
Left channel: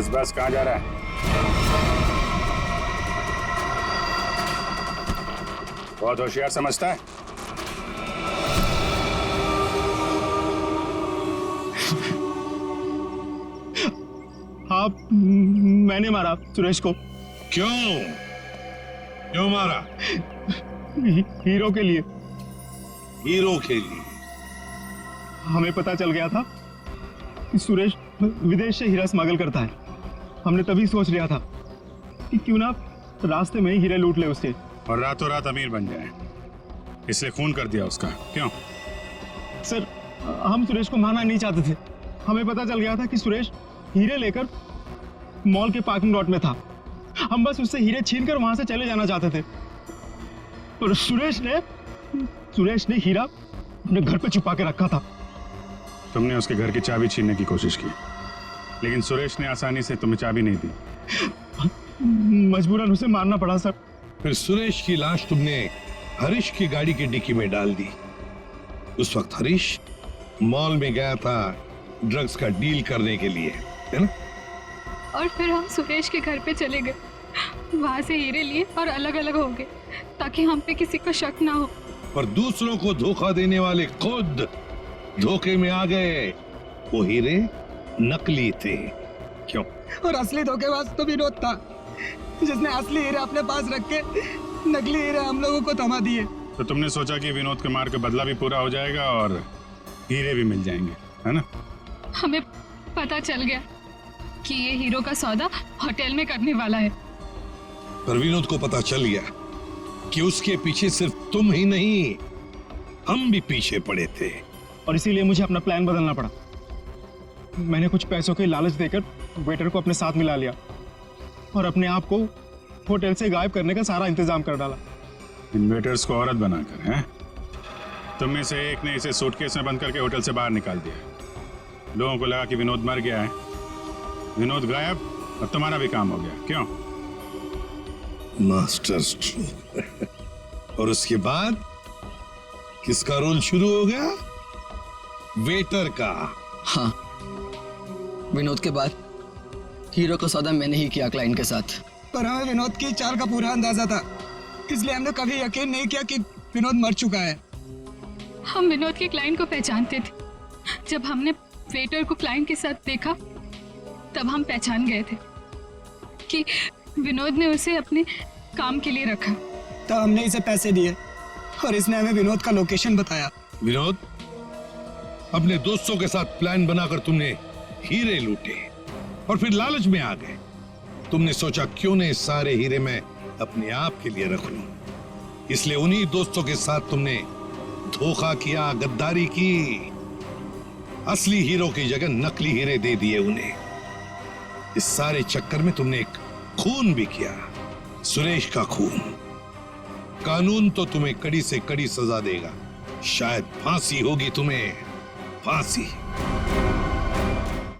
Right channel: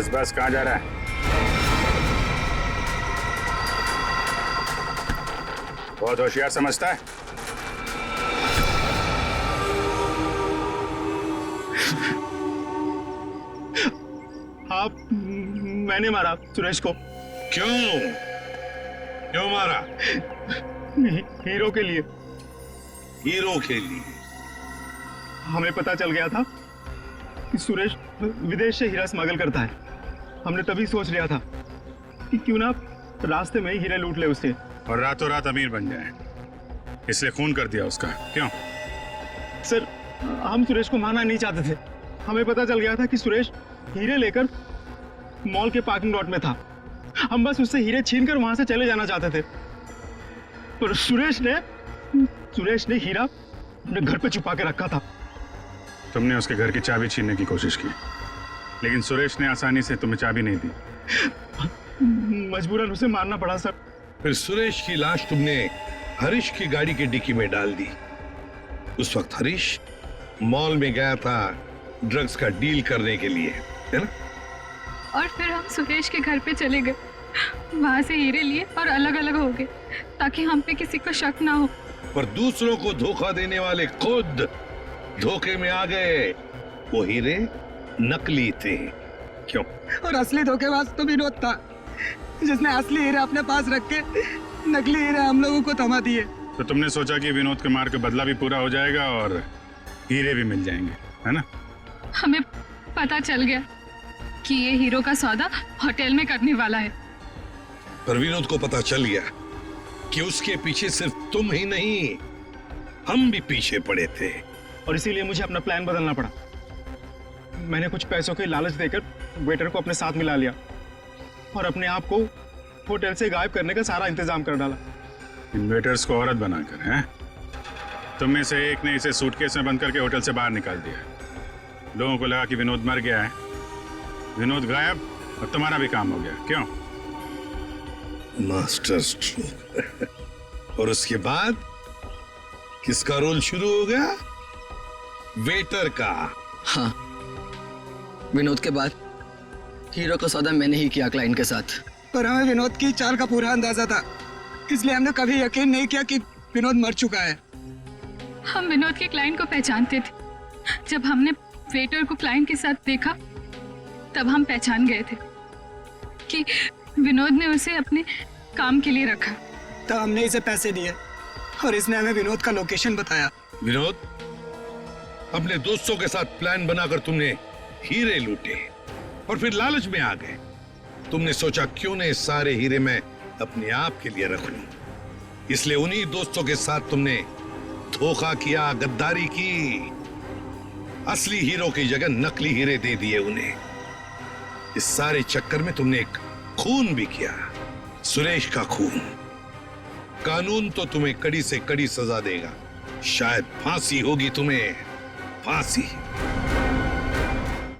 बस बस, कहाँ जा रहा है? बहुत होशियार समझता है। आप, मैंने मारा सुरेश को। क्यों मारा? हीरो के लिए। हीरो के लिए? हमें पता चल गया था कि सुरेश विदेश से हीरा स्मगल करता है। हमने तभी सोच लिया था कि क्यों ना रास्ते में ही हीरे लूट ले उससे, और रातों रात अमीर बन जाए, इसलिए खून कर दिया उसका। क्यों? सर, हम सुरेश को मारना नहीं चाहते थे। हमें पता चल गया था कि सुरेश हीरे लेकर मॉल के पार्किंग लॉट में था। हम बस उससे हीरे छीनकर वहां से चले जाना चाहते थे, पर सुरेश ने हीरा अपने घर पे छुपा के रखा था। तुमने उसके घर की चाबी छीनने की कोशिश की, लेकिन सुरेश ने आसानी से तुम्हें चाबी नहीं दी। मजबूरन उसे मारना पड़ा सर। फिर सुरेश की लाश तुमने हरीश की गाड़ी की डिक्की में डाल दी। उस वक्त हरीश मॉल में गया था ड्रग्स का डील करने के लिए, है ना? और फिर हम सुरेश के घर पे चले गए, वहां से हीरे लिए और अलग अलग हो गए ताकि हम पे किसी को शक ना हो। पर दूसरों को धोखा देने वाले खुद धोखे में आ गए। वो हीरे नकली थे। क्यों? और असली धोखेबाज तो विनोद था, जिसने असली हीरे अपने पास रख के नकली हीरे हम लोगों को थमा दिए। तो तुमने सोचा कि विनोद के मार के बदला भी पूरा हो जाएगा और हीरे भी मिल जाएंगे, है ना? हमें पता चल गया कि ये हीरो का सौदा होटल में करने वाला है। पर विनोद को पता चल गया कि उसके पीछे सिर्फ तुम ही नहीं, हम भी पीछे पड़े थे। और इसीलिए मुझे अपना प्लान बदलना पड़ा। मैंने कुछ पैसों के लालच देकर वेटर को अपने साथ मिला लिया और अपने आप को होटल से गायब करने का सारा इंतजाम कर डाला। इन वेटर्स को औरत बनाकर, हैं? तुम में से एक ने इसे सूटकेस में बंद करके होटल से बाहर निकाल दिया। लोगों को लगा कि विनोद मर गया है, विनोद गायब और तुम्हारा भी काम हो गया। क्यों? Master stroke. और उसके बाद किसका रोल शुरू हो गया? वेटर का। हाँ, विनोद के बाद हीरो का सौदा मैंने ही किया क्लाइंट के साथ। पर हमें विनोद की चाल का पूरा अंदाजा था, इसलिए हमने कभी यकीन नहीं किया कि विनोद मर चुका है। हम विनोद के क्लाइंट को पहचानते थे। जब हमने वेटर को क्लाइंट के साथ देखा तब हम पहचान गए थे कि विनोद ने उसे अपने काम के लिए रखा। तब हमने इसे पैसे दिए और इसने हमें विनोद का लोकेशन बताया। विनोद, अपने दोस्तों के साथ प्लान बनाकर तुमने हीरे लूटे और फिर लालच में आ गए। तुमने सोचा क्यों न सारे हीरे मैं अपने आप के लिए रख लूं, इसलिए उन्हीं दोस्तों के साथ तुमने धोखा किया, गद्दारी की। असली हीरो की जगह नकली हीरे दे दिए उन्हें। इस सारे चक्कर में तुमने एक खून भी किया, सुरेश का खून। कानून तो तुम्हें कड़ी से कड़ी सजा देगा, शायद फांसी होगी तुम्हें, फांसी।